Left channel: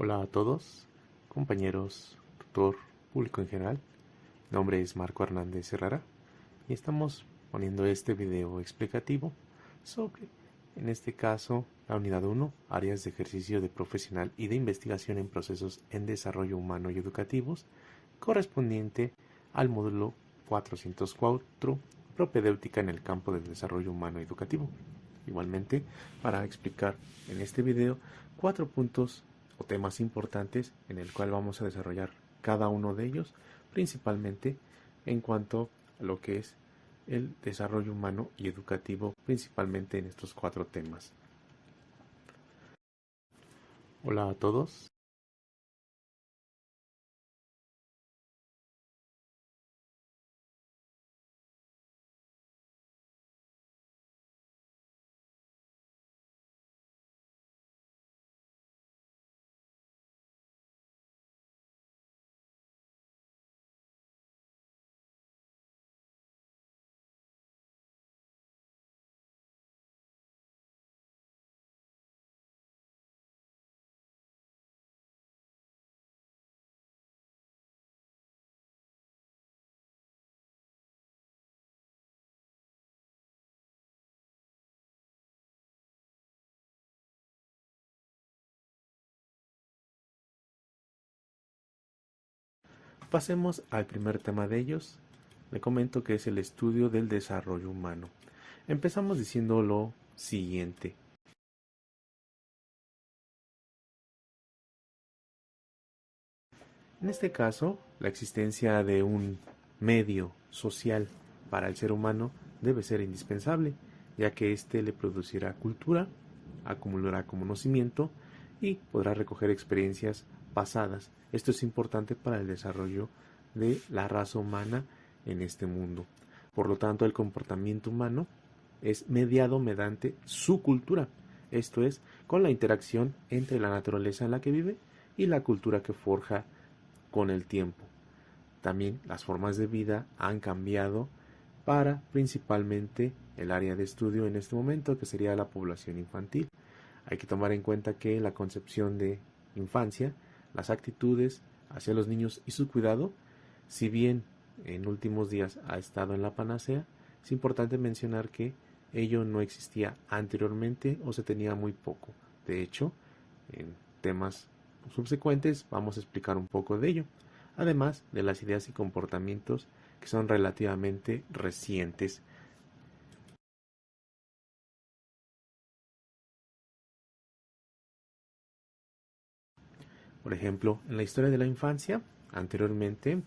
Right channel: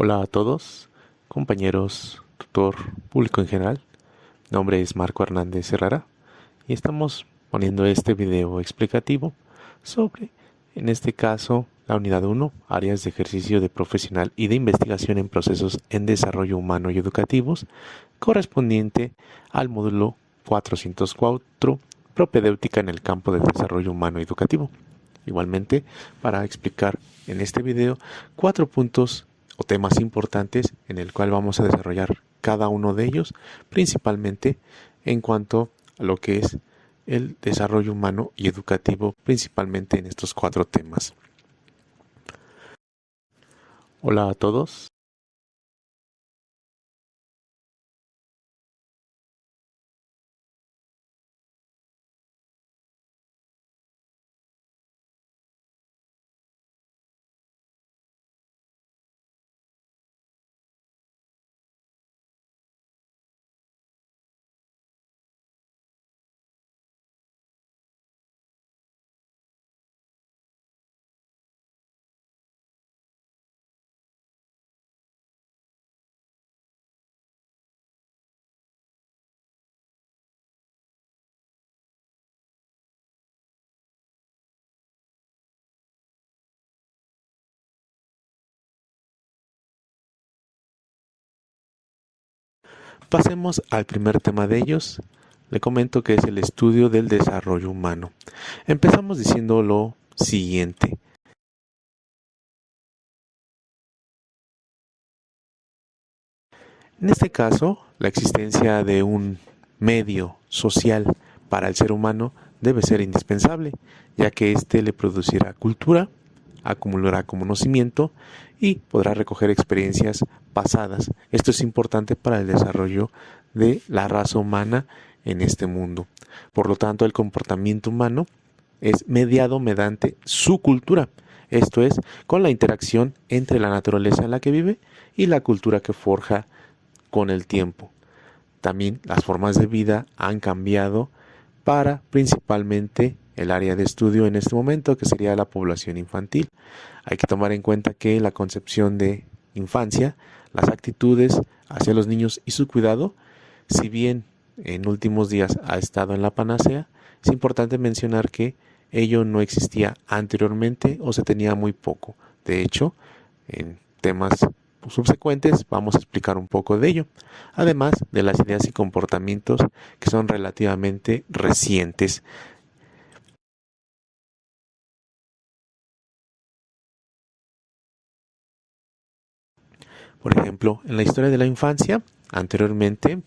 Hola a todos, compañeros, tutor, público en general. Mi nombre es Marco Hernández Herrera y estamos poniendo este video explicativo sobre, en este caso, la unidad 1, áreas de ejercicio de profesional y de investigación en procesos en desarrollo humano y educativos, correspondiente al módulo 404, propedéutica en el campo del desarrollo humano y educativo. Igualmente, para explicar en este video 4 puntos o temas importantes en el cual vamos a desarrollar cada uno de ellos, principalmente en cuanto a lo que es el desarrollo humano y educativo, principalmente en estos 4 temas. Hola a todos. Pasemos al primer tema de ellos. Le comento que es el estudio del desarrollo humano. Empezamos diciendo lo siguiente. En este caso, la existencia de un medio social para el ser humano debe ser indispensable, ya que éste le producirá cultura, acumulará conocimiento y podrá recoger experiencias pasadas. Esto es importante para el desarrollo de la raza humana en este mundo. Por lo tanto, el comportamiento humano es mediado mediante su cultura, esto es, con la interacción entre la naturaleza en la que vive y la cultura que forja con el tiempo. También las formas de vida han cambiado para principalmente el área de estudio en este momento, que sería la población infantil. Hay que tomar en cuenta que la concepción de infancia, las actitudes hacia los niños y su cuidado, si bien en últimos días ha estado en la panacea, es importante mencionar que ello no existía anteriormente o se tenía muy poco. De hecho, en temas subsecuentes vamos a explicar un poco de ello, además de las ideas y comportamientos que son relativamente recientes. Por ejemplo, en la historia de la infancia, anteriormente,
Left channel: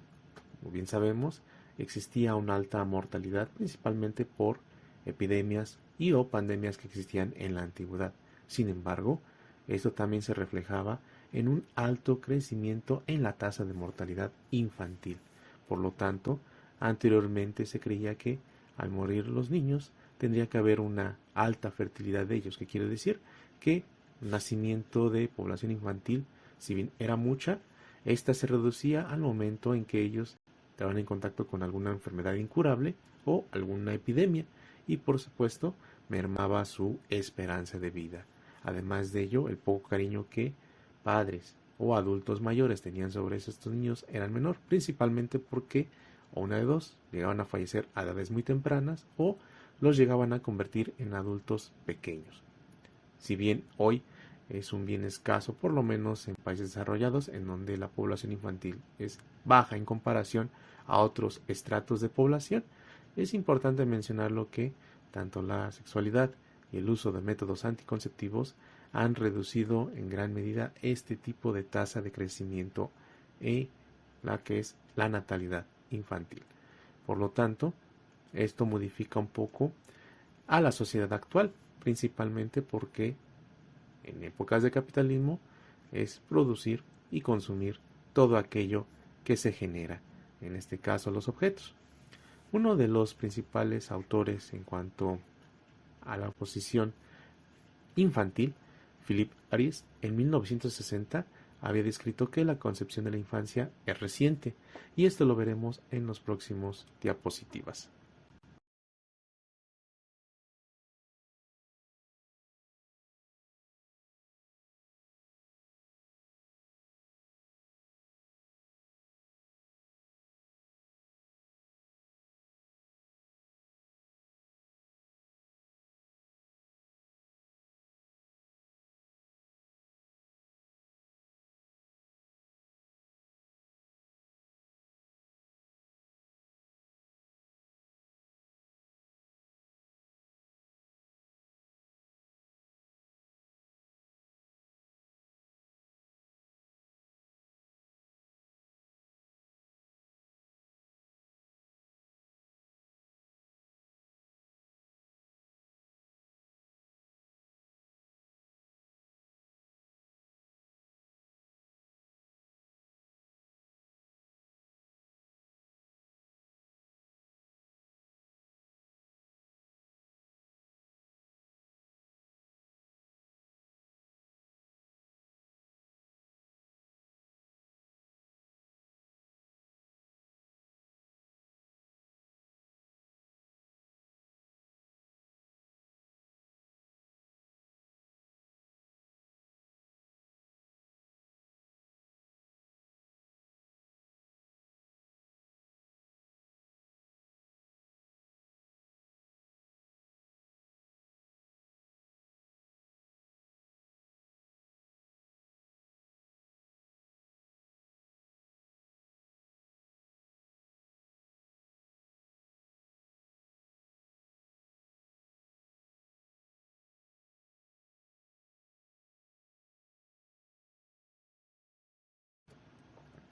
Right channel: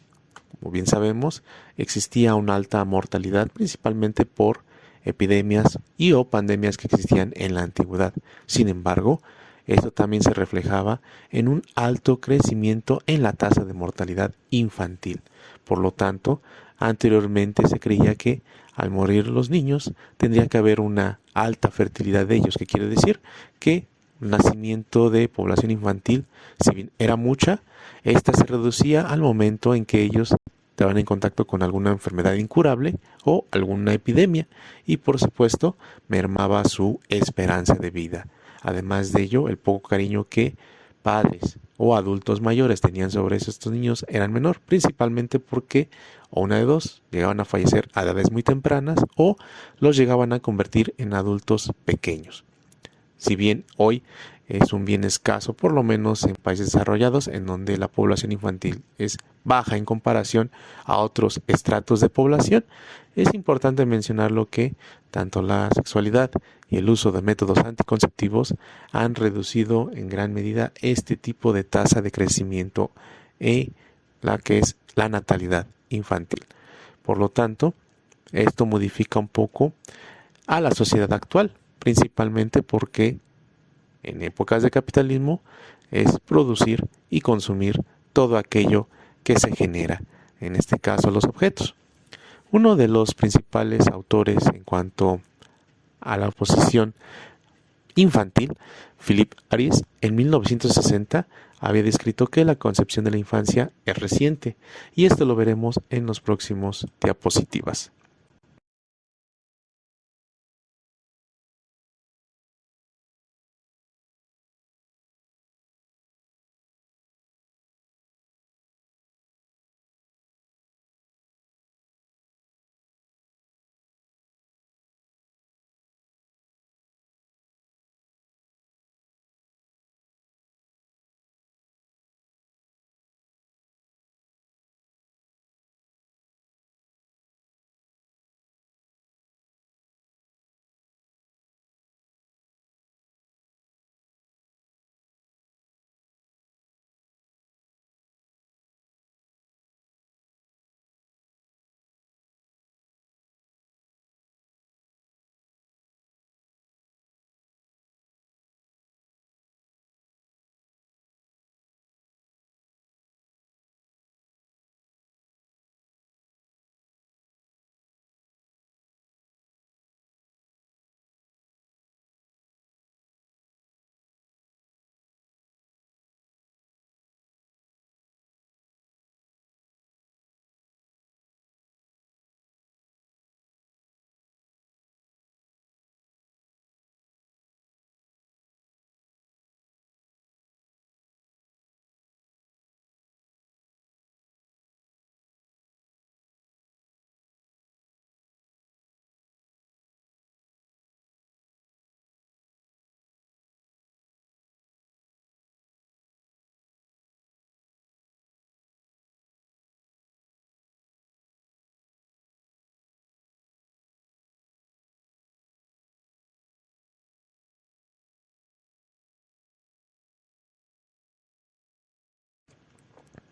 como bien sabemos, existía una alta mortalidad principalmente por epidemias y o pandemias que existían en la antigüedad. Sin embargo, esto también se reflejaba en un alto crecimiento en la tasa de mortalidad infantil. Por lo tanto, anteriormente se creía que al morir los niños tendría que haber una alta fertilidad de ellos, que quiere decir que el nacimiento de población infantil, si bien era mucha, esta se reducía al momento en que ellos estaban en contacto con alguna enfermedad incurable o alguna epidemia y por supuesto mermaba su esperanza de vida. Además de ello, el poco cariño que padres o adultos mayores tenían sobre estos niños eran menor, principalmente porque o una de dos llegaban a fallecer a edades muy tempranas o los llegaban a convertir en adultos pequeños. Si bien hoy es un bien escaso, por lo menos en países desarrollados, en donde la población infantil es baja en comparación a otros estratos de población, es importante mencionar lo que tanto la sexualidad y el uso de métodos anticonceptivos han reducido en gran medida este tipo de tasa de crecimiento y la que es la natalidad infantil. Por lo tanto, esto modifica un poco a la sociedad actual, principalmente porque en épocas de capitalismo es producir y consumir todo aquello que se genera, en este caso los objetos. Uno de los principales autores en cuanto a la oposición infantil, Philip Aries, en 1960 había descrito que la concepción de la infancia es reciente, y esto lo veremos en los próximos diapositivas.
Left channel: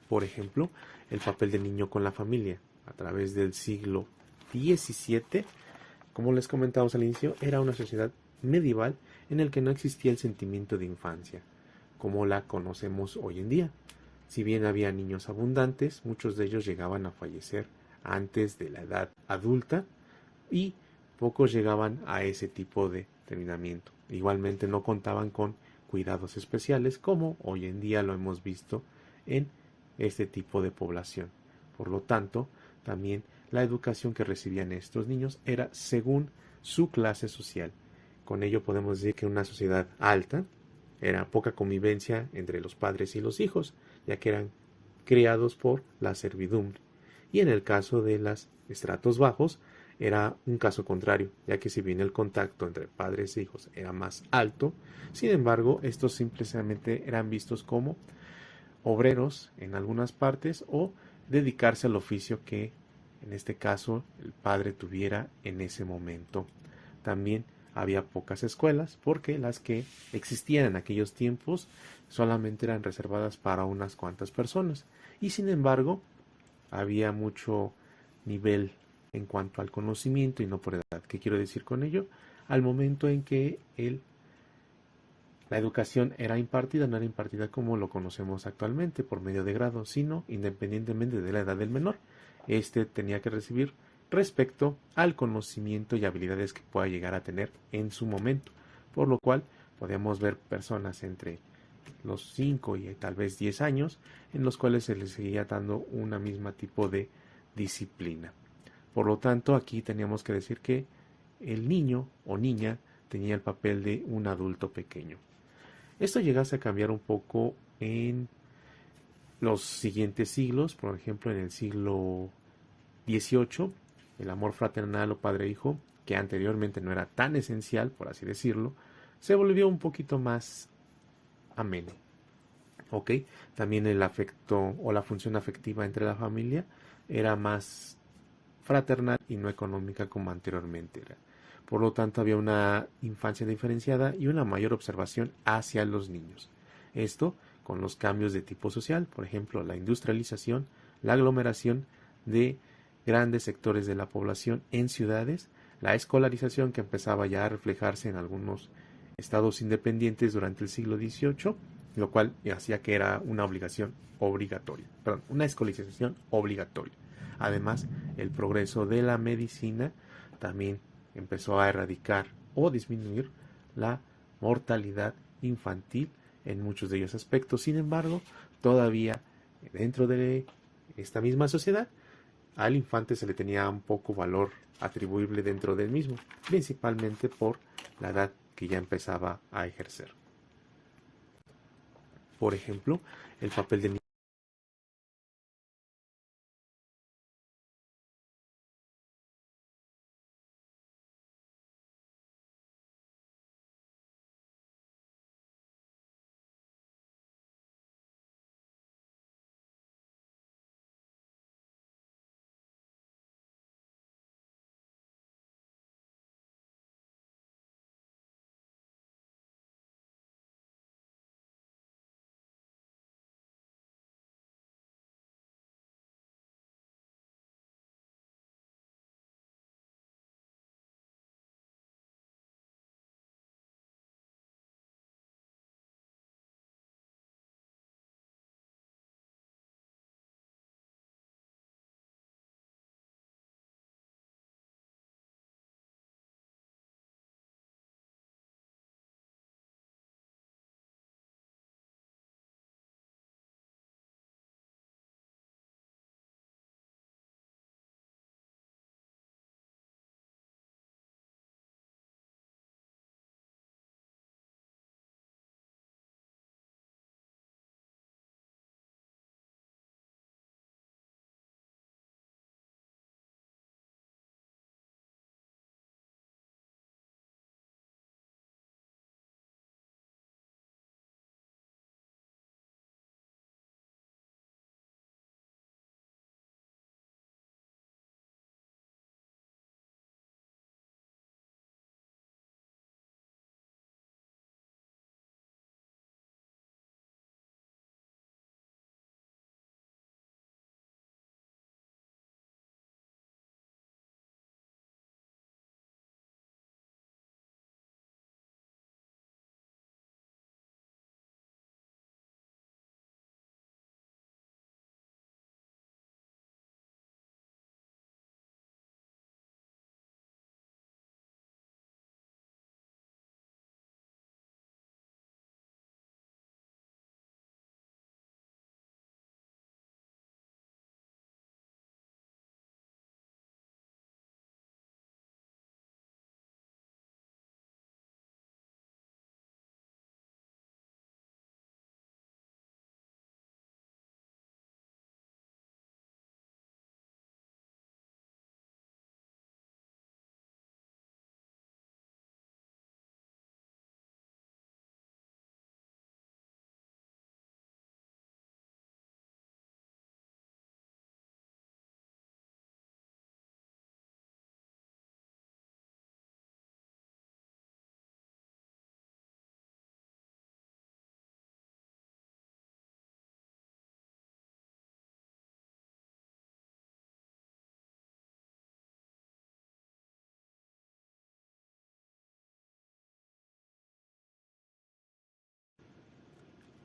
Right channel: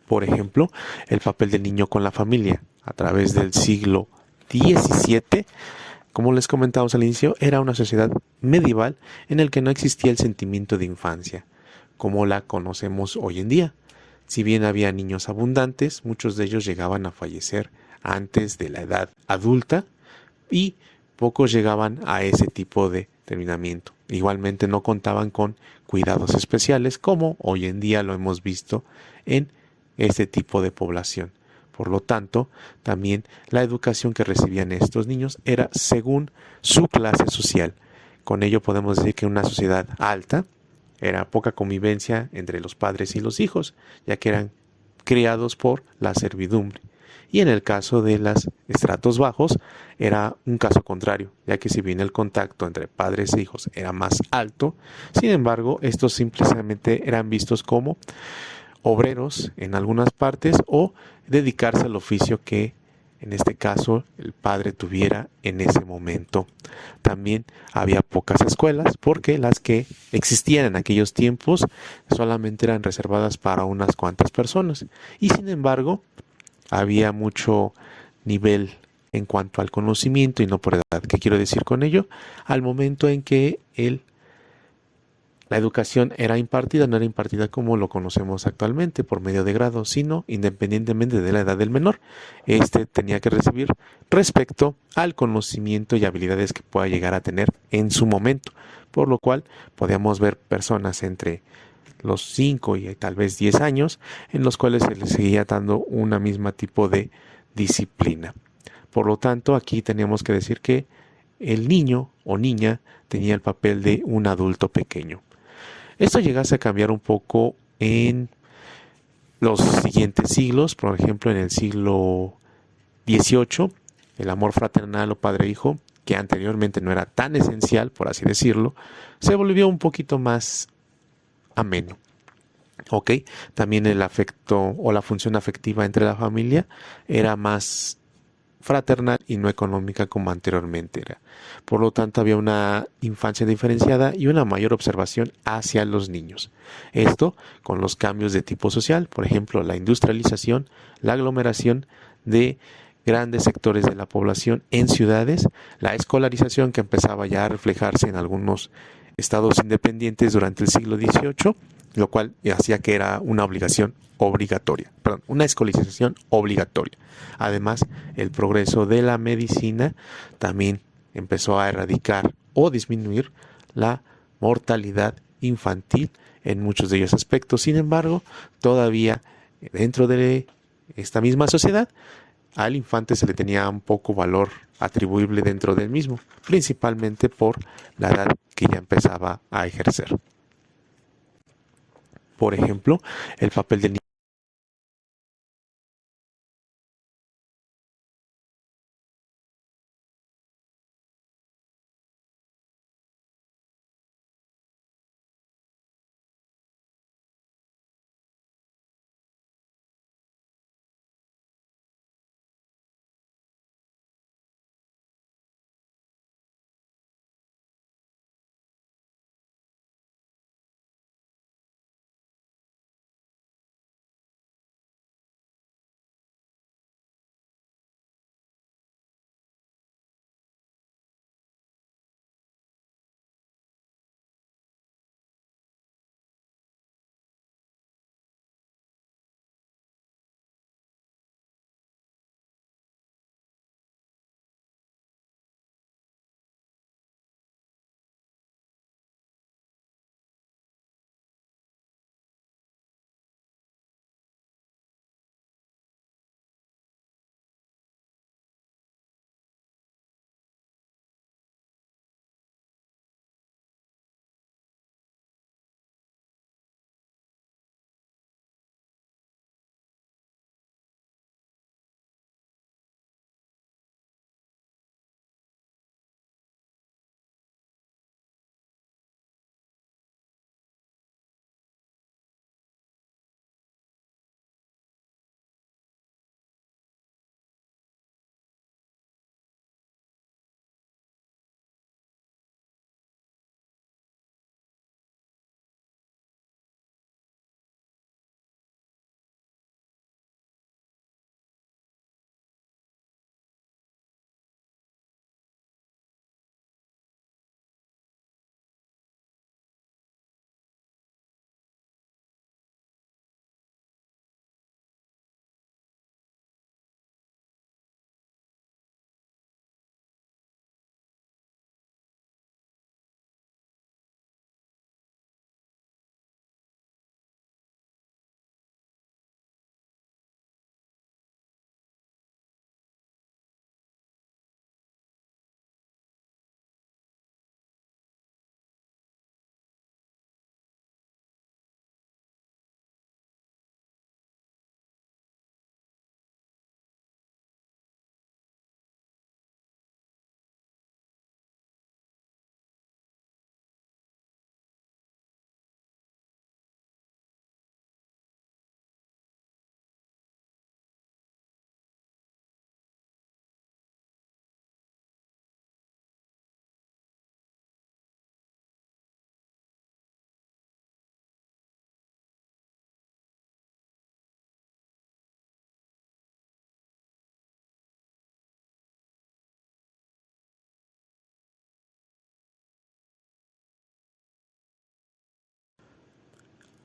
Por ejemplo, el papel del niño con la familia a través del siglo XVII, como les comentamos al inicio, era una sociedad medieval en el que no existía el sentimiento de infancia, como la conocemos hoy en día. Si bien había niños abundantes, muchos de ellos llegaban a fallecer antes de la edad adulta y pocos llegaban a ese tipo de terminamiento. Igualmente no contaban con cuidados especiales como hoy en día lo hemos visto en este tipo de población. Por lo tanto, también la educación que recibían estos niños era según su clase social. Con ello podemos decir que una sociedad alta era poca convivencia entre los padres y los hijos, ya que eran criados por la servidumbre. Y en el caso de los estratos bajos era un caso contrario, ya que si bien el contacto entre padres e hijos era más alto, sin embargo, estos simplemente eran vistos como obreros en algunas partes o dedicarse al oficio que en este caso el padre tuviera en ese momento. También había pocas escuelas porque las que existían en aquellos tiempos solamente eran reservadas para unas cuantas personas y sin embargo había mucho nivel en cuanto al conocimiento y no por edad. ¿Qué quiero decir con ello? Al momento en que la educación era impartida, no era impartida como lo conocemos actualmente por medio de grado, sino independientemente de la edad del menor. Este tenía que recibir respecto al conocimiento y habilidades que pueda llegar a tener en su momento. Por lo cual podíamos ver personas entre los 5 y tal vez 10 años en los cuales se les seguía dando una misma tipo de disciplina. Por lo tanto, aquí teníamos que decir que el niño o niña tenía el papel de un adulto pequeño. Esto llegase a cambiar un poco en los siguientes siglos, por ejemplo en el siglo XVIII, el amor fraternal o padre-hijo, que anteriormente no era tan esencial, por así decirlo, se volvió un poquito más ameno. ¿Ok? También el afecto o la función afectiva entre la familia era más fraternal y no económica como anteriormente era. Por lo tanto, había una infancia diferenciada y una mayor observación hacia los niños. Esto con los cambios de tipo social, por ejemplo, la industrialización, la aglomeración de grandes sectores de la población en ciudades, la escolarización que empezaba ya a reflejarse en algunos estados independientes durante el siglo XVIII, lo cual hacía que era una obligación obligatoria, perdón, una escolarización obligatoria. Además, el progreso de la medicina también empezó a erradicar o disminuir la mortalidad infantil en muchos de ellos aspectos. Sin embargo, todavía dentro de esta misma sociedad, al infante se le tenía un poco valor atribuible dentro del mismo, principalmente por la edad que ya empezaba a ejercer. Por ejemplo, el papel del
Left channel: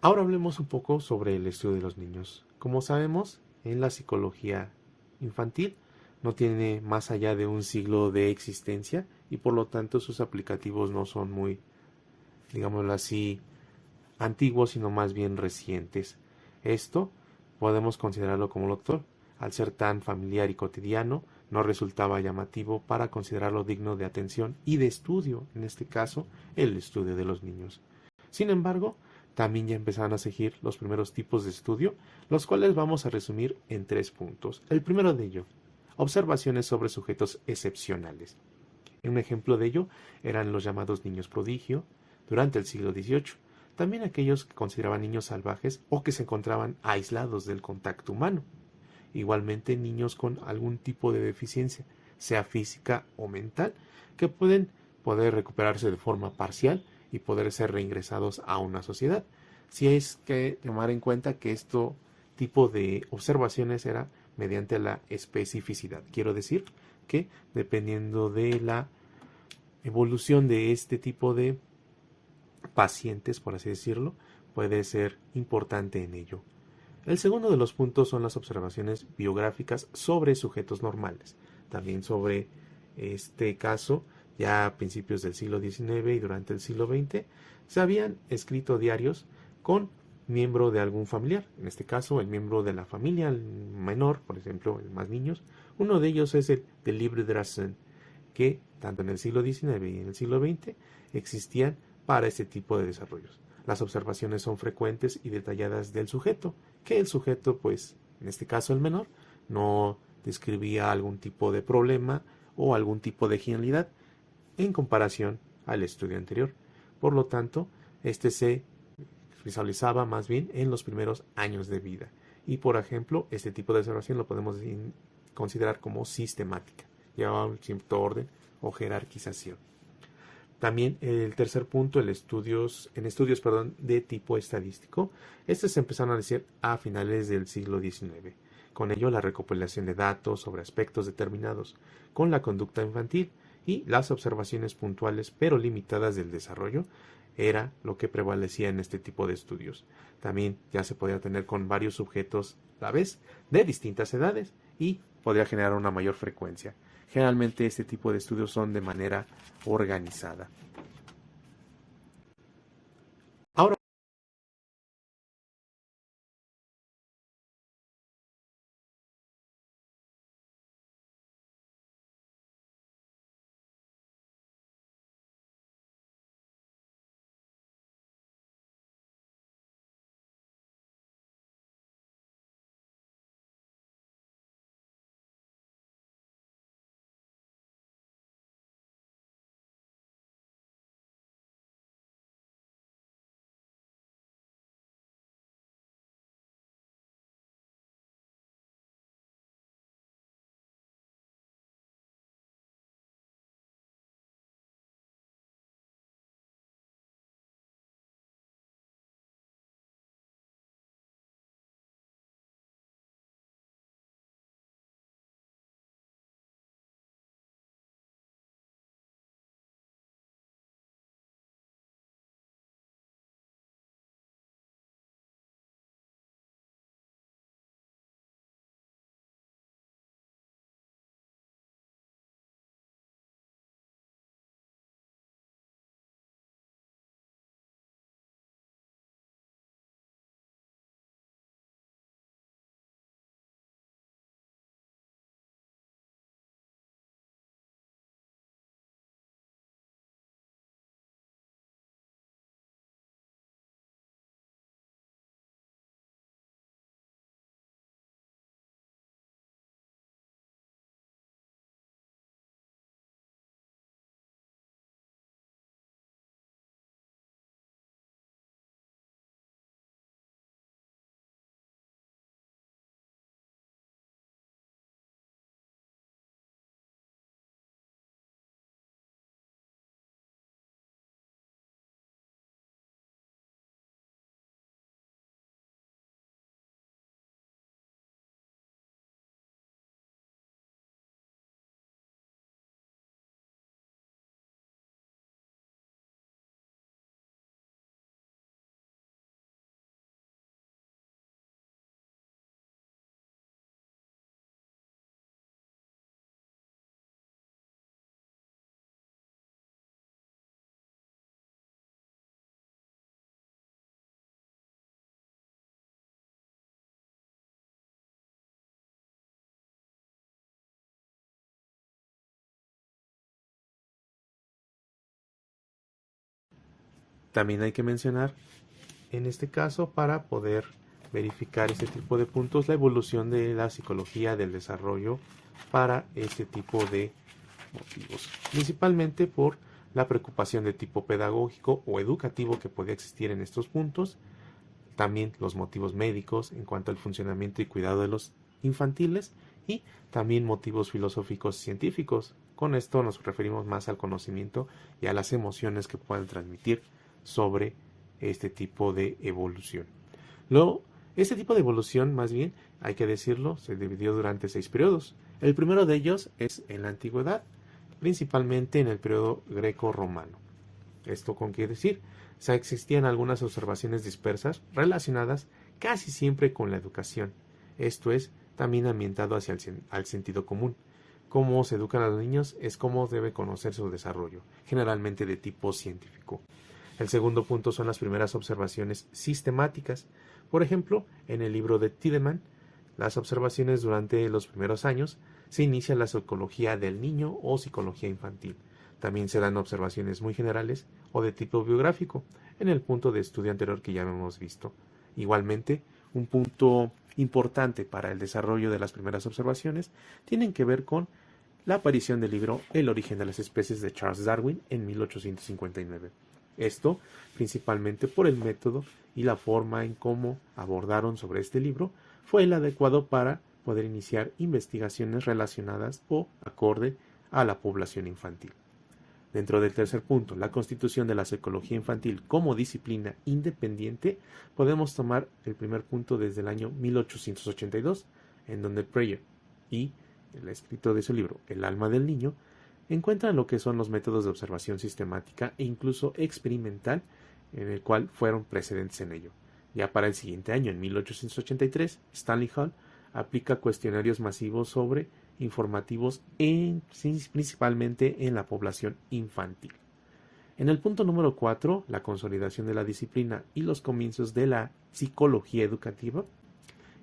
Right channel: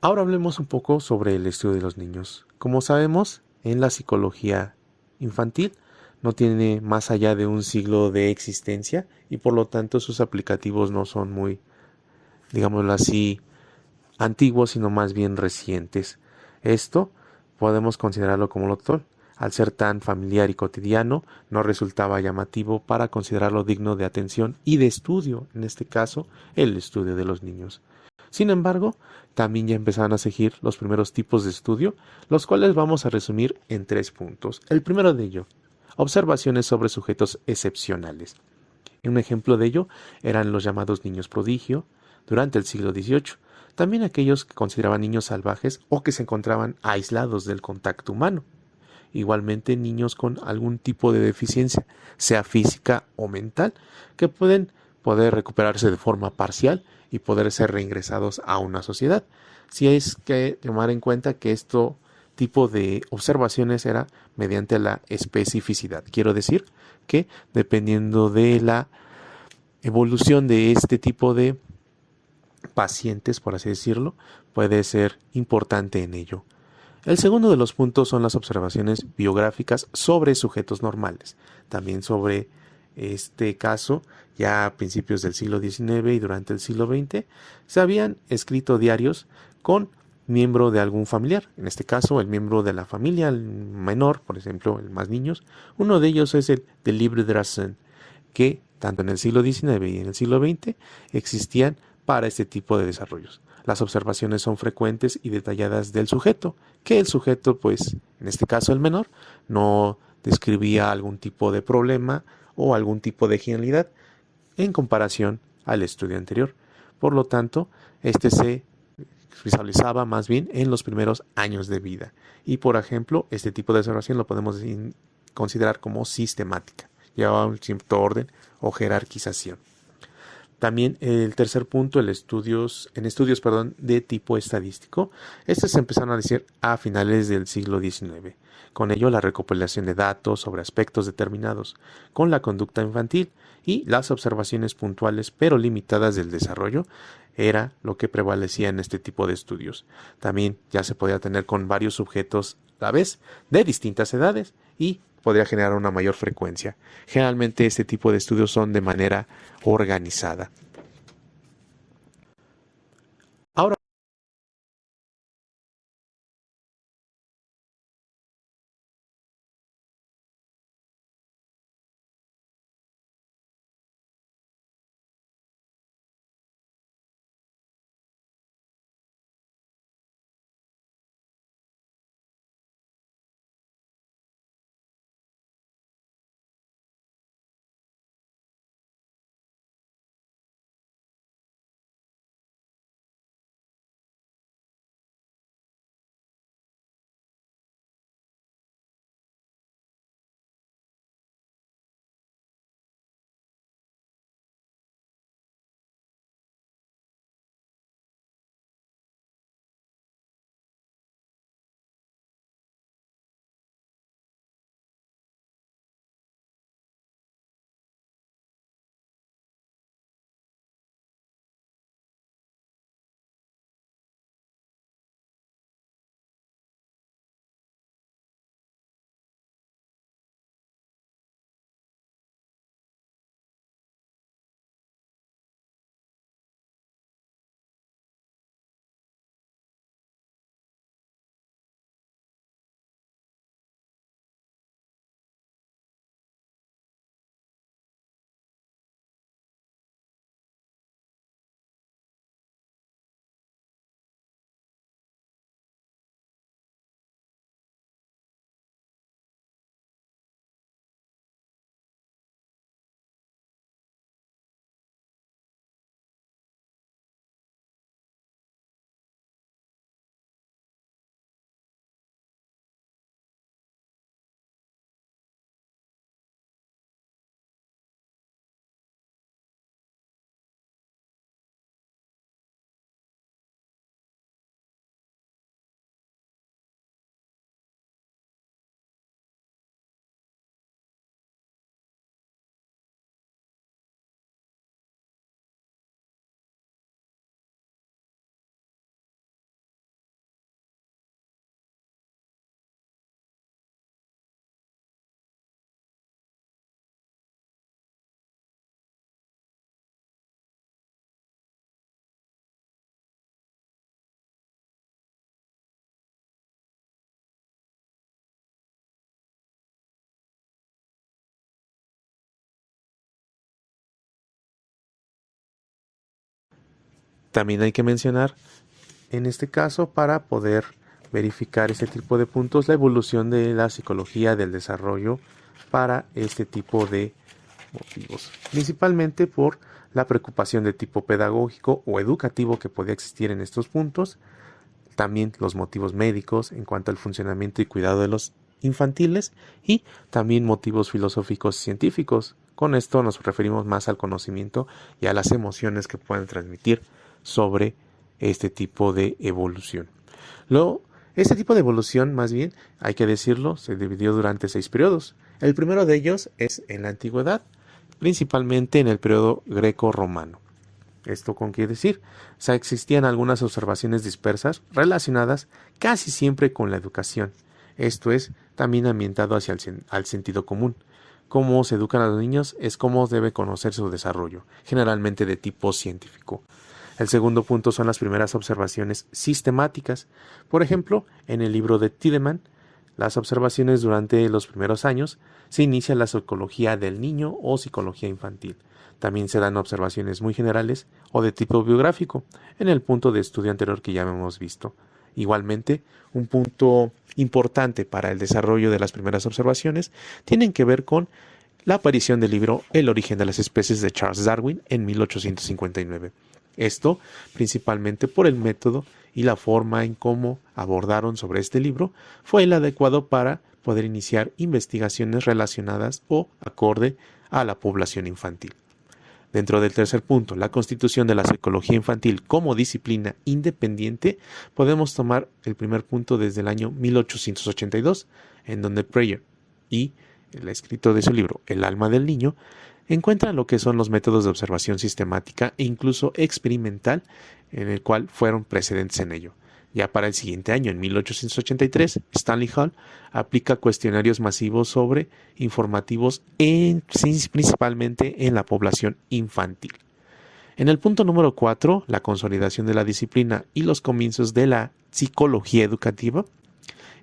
Ahora hablemos un poco sobre el estudio de los niños. Como sabemos, en la psicología infantil no tiene más allá de un siglo de existencia y por lo tanto sus aplicativos no son muy, digámoslo así, antiguos, sino más bien recientes. Esto podemos considerarlo como lo actual. Al ser tan familiar y cotidiano, no resultaba llamativo para considerarlo digno de atención y de estudio, en este caso, el estudio de los niños. Sin embargo, también ya empezaron a seguir los primeros tipos de estudio, los cuales vamos a resumir en 3 puntos. El primero de ello, observaciones sobre sujetos excepcionales. Un ejemplo de ello eran los llamados niños prodigio durante el siglo XVIII, también aquellos que consideraban niños salvajes o que se encontraban aislados del contacto humano. Igualmente niños con algún tipo de deficiencia, sea física o mental, que pueden poder recuperarse de forma parcial y poder ser reingresados a una sociedad. Si es que tomar en cuenta que esto tipo de observaciones era mediante la especificidad. Quiero decir que dependiendo de la evolución de este tipo de pacientes, por así decirlo, puede ser importante en ello. El segundo de los puntos son las observaciones biográficas sobre sujetos normales, también sobre este caso, ya a principios del siglo XIX y durante el siglo XX, se habían escrito diarios con miembro de algún familiar, en este caso el miembro de la familia, el menor, por ejemplo, el más niños. Uno de ellos es el de Libre Drassen, que tanto en el siglo XIX y en el siglo XX existían para este tipo de desarrollos. Las observaciones son frecuentes y detalladas del sujeto, que el sujeto, pues, en este caso el menor, no describía algún tipo de problema o algún tipo de genialidad en comparación al estudio anterior. Por lo tanto, este se visualizaba más bien en los primeros años de vida. Y por ejemplo, este tipo de observación lo podemos considerar como sistemática. Llevaba un cierto orden o jerarquización. También el tercer punto, en estudios de tipo estadístico. Estos se empezaron a decir a finales del siglo XIX. Con ello, la recopilación de datos sobre aspectos determinados con la conducta infantil y las observaciones puntuales pero limitadas del desarrollo era lo que prevalecía en este tipo de estudios. También ya se podía tener con varios sujetos a la vez de distintas edades y podría generar una mayor frecuencia. Generalmente este tipo de estudios son de manera organizada. Ahora También hay que mencionar, en este caso, para poder verificar este tipo de puntos, la evolución de la psicología del desarrollo para este tipo de motivos, principalmente por la preocupación de tipo pedagógico o educativo que podía existir en estos puntos, también los motivos médicos en cuanto al funcionamiento y cuidado de los infantiles y también motivos filosóficos y científicos. Con esto nos referimos más al conocimiento y a las emociones que pueden transmitir sobre este tipo de evolución. Luego, este tipo de evolución, más bien, hay que decirlo, se dividió durante 6 periodos. El primero de ellos es en la antigüedad, principalmente en el periodo greco-romano. ¿Esto con qué decir? O sea, existían algunas observaciones dispersas relacionadas casi siempre con la educación. Esto es, también ambientado hacia al sentido común. Cómo se educan a los niños es cómo debe conocer su desarrollo, generalmente de tipo científico. El segundo punto son las primeras observaciones sistemáticas. Por ejemplo, en el libro de Tiedemann, las observaciones durante los primeros años se inicia la psicología del niño o psicología infantil. También se dan observaciones muy generales o de tipo biográfico, en el punto de estudio anterior que ya hemos visto. Igualmente, un punto importante para el desarrollo de las primeras observaciones tienen que ver con la aparición del libro El origen de las especies de Charles Darwin en 1859. Esto principalmente por el método y la forma en cómo abordaron sobre este libro fue el adecuado para poder iniciar investigaciones relacionadas o acorde a la población infantil. Dentro del tercer punto, la constitución de la psicología infantil como disciplina independiente, podemos tomar el primer punto desde el año 1882, en donde Preyer y el escritor de su libro El alma del niño encuentran lo que son los métodos de observación sistemática e incluso experimental, en el cual fueron precedentes en ello. Ya para el siguiente año, en 1883, Stanley Hall aplica cuestionarios masivos informativos principalmente en la población infantil. En el punto número 4, la consolidación de la disciplina y los comienzos de la psicología educativa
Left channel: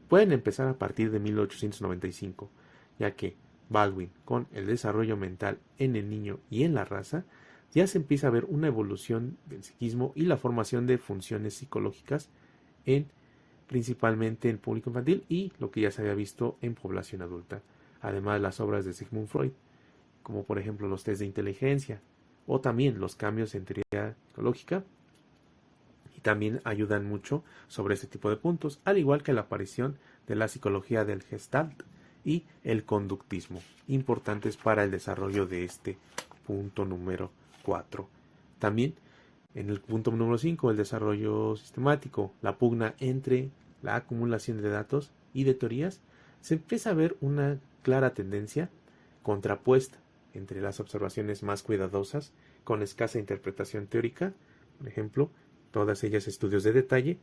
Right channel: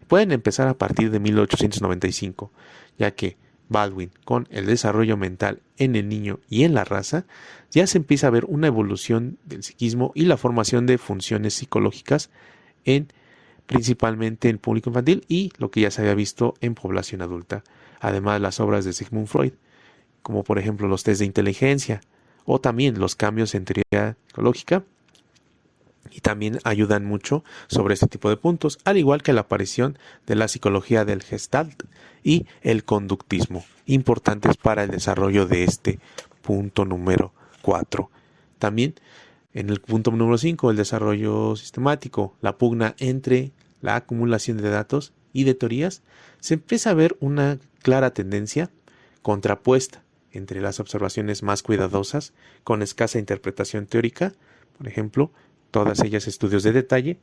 pueden empezar a partir de 1895, ya que Baldwin, con el desarrollo mental en el niño y en la raza, ya se empieza a ver una evolución del psiquismo y la formación de funciones psicológicas principalmente en público infantil y lo que ya se había visto en población adulta, además de las obras de Sigmund Freud, como por ejemplo los test de inteligencia o también los cambios en teoría psicológica, y también ayudan mucho sobre este tipo de puntos, al igual que la aparición de la psicología del Gestalt y el conductismo, importantes para el desarrollo de este punto número 4. También en el punto número 5, el desarrollo sistemático, la pugna entre la acumulación de datos y de teorías, se empieza a ver una clara tendencia contrapuesta entre las observaciones más cuidadosas, con escasa interpretación teórica, por ejemplo, todas ellas estudios de detalle,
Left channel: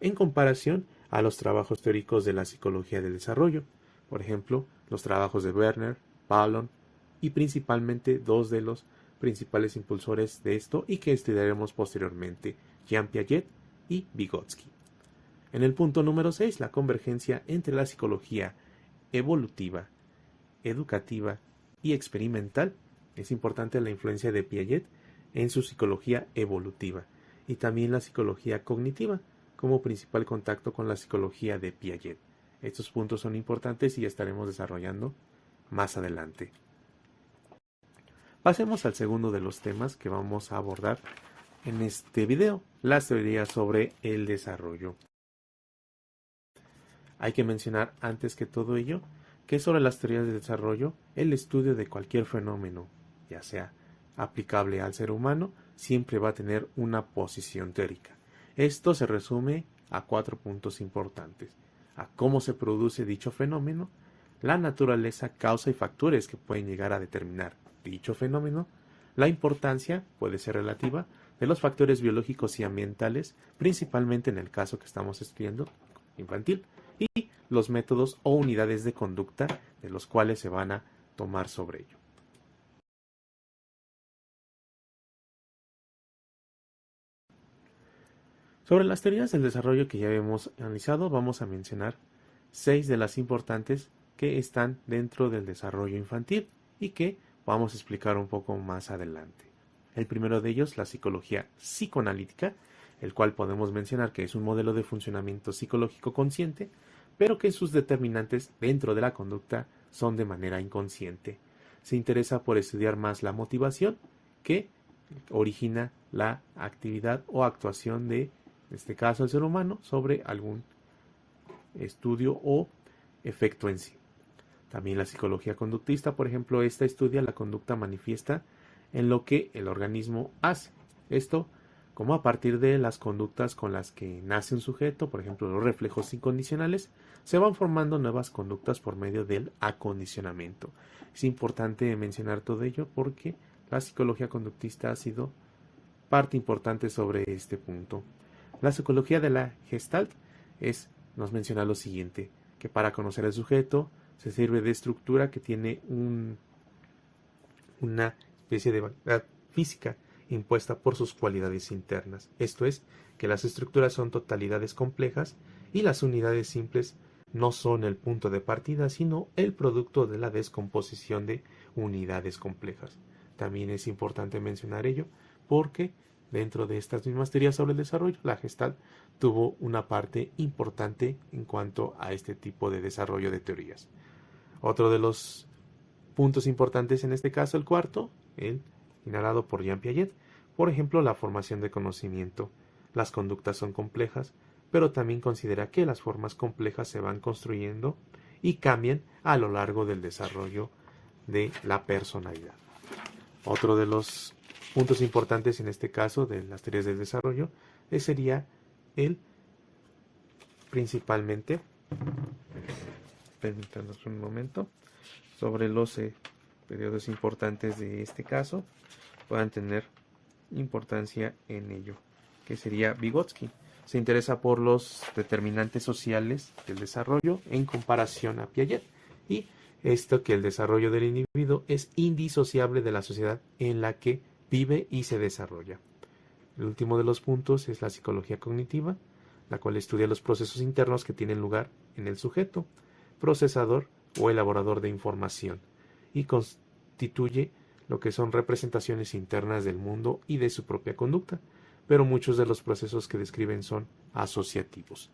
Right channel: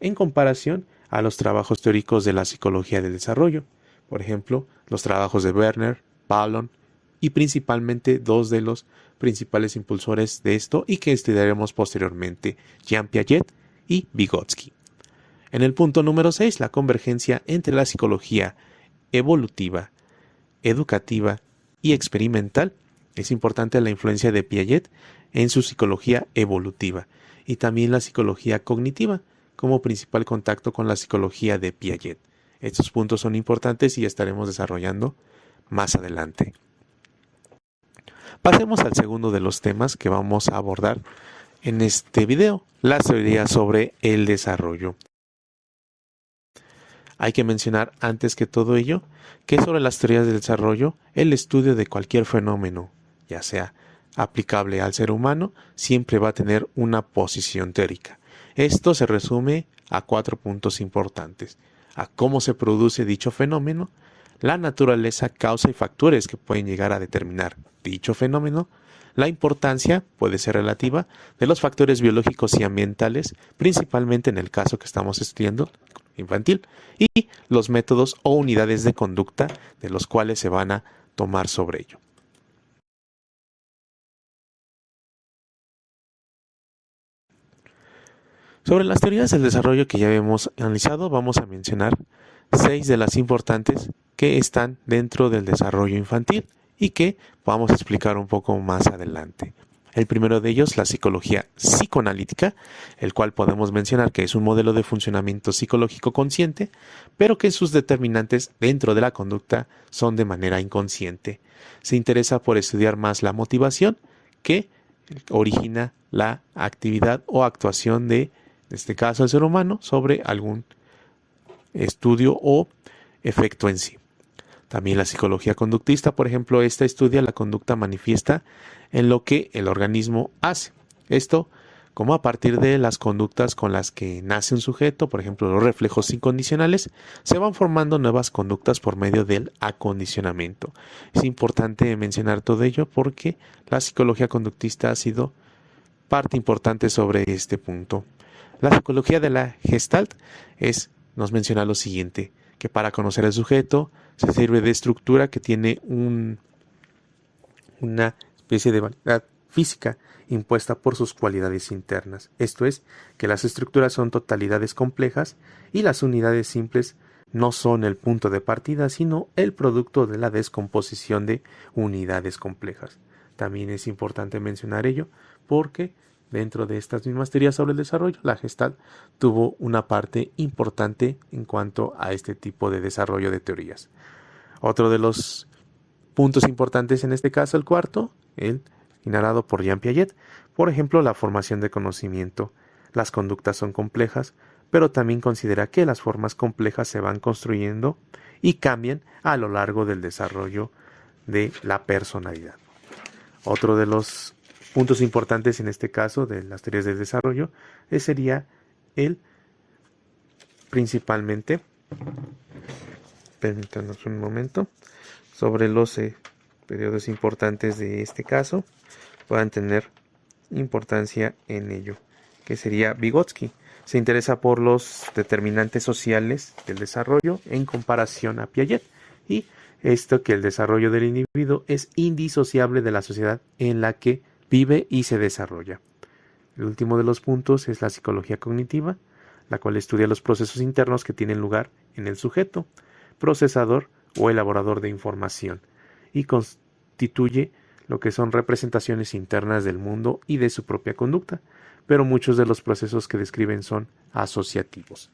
en comparación a los trabajos teóricos de la psicología del desarrollo, por ejemplo, los trabajos de Werner, Palon y principalmente dos de los principales impulsores de esto y que estudiaremos posteriormente, Jean Piaget y Vygotsky. En el punto número 6, la convergencia entre la psicología evolutiva, educativa y experimental. Es importante la influencia de Piaget en su psicología evolutiva y también la psicología cognitiva como principal contacto con la psicología de Piaget. Estos puntos son importantes y estaremos desarrollando más adelante. Pasemos al segundo de los temas que vamos a abordar en este video, las teorías sobre el desarrollo. Hay que mencionar antes que todo ello que sobre las teorías del desarrollo, el estudio de cualquier fenómeno, ya sea aplicable al ser humano, siempre va a tener una posición teórica. Esto se resume a 4 puntos importantes: a cómo se produce dicho fenómeno, la naturaleza, causa y factores que pueden llegar a determinar dicho fenómeno, la importancia puede ser relativa de los factores biológicos y ambientales, principalmente en el caso que estamos estudiando, infantil, y los métodos o unidades de conducta de los cuales se van a tomar sobre ello. Sobre las teorías del desarrollo que ya hemos analizado, vamos a mencionar 6 de las importantes que están dentro del desarrollo infantil y que vamos a explicar un poco más adelante. El primero de ellos, la psicología psicoanalítica, el cual podemos mencionar que es un modelo de funcionamiento psicológico consciente, pero que sus determinantes dentro de la conducta son de manera inconsciente. Se interesa por estudiar más la motivación que origina la actividad o actuación de, en este caso, el ser humano sobre algún estudio o efecto en sí. También la psicología conductista, por ejemplo, esta estudia la conducta manifiesta en lo que el organismo hace. Esto como a partir de las conductas con las que nace un sujeto, por ejemplo, los reflejos incondicionales, se van formando nuevas conductas por medio del acondicionamiento. Es importante mencionar todo ello porque la psicología conductista ha sido parte importante sobre este punto. La psicología de la Gestalt nos menciona lo siguiente, que para conocer al sujeto se sirve de estructura que tiene una especie de validad física impuesta por sus cualidades internas. Esto es, que las estructuras son totalidades complejas y las unidades simples no son el punto de partida, sino el producto de la descomposición de unidades complejas. También es importante mencionar ello porque dentro de estas mismas teorías sobre el desarrollo, la Gestalt tuvo una parte importante en cuanto a este tipo de desarrollo de teorías. Otro de los puntos importantes en este caso, el cuarto, el narrado por Jean Piaget, por ejemplo, la formación de conocimiento. Las conductas son complejas, pero también considera que las formas complejas se van construyendo y cambian a lo largo del desarrollo de la personalidad. Otro de los puntos importantes en este caso de las teorías del desarrollo sería el principalmente, permítanos un momento, sobre los periodos importantes de este caso puedan tener importancia en ello, que sería Vygotsky. Se interesa por los determinantes sociales del desarrollo en comparación a Piaget y esto que el desarrollo del individuo es indisociable de la sociedad en la que vive y se desarrolla. El último de los puntos es la psicología cognitiva, la cual estudia los procesos internos que tienen lugar en el sujeto, procesador o elaborador de información, y constituye lo que son representaciones internas del mundo y de su propia conducta, pero muchos de los procesos que describen son asociativos.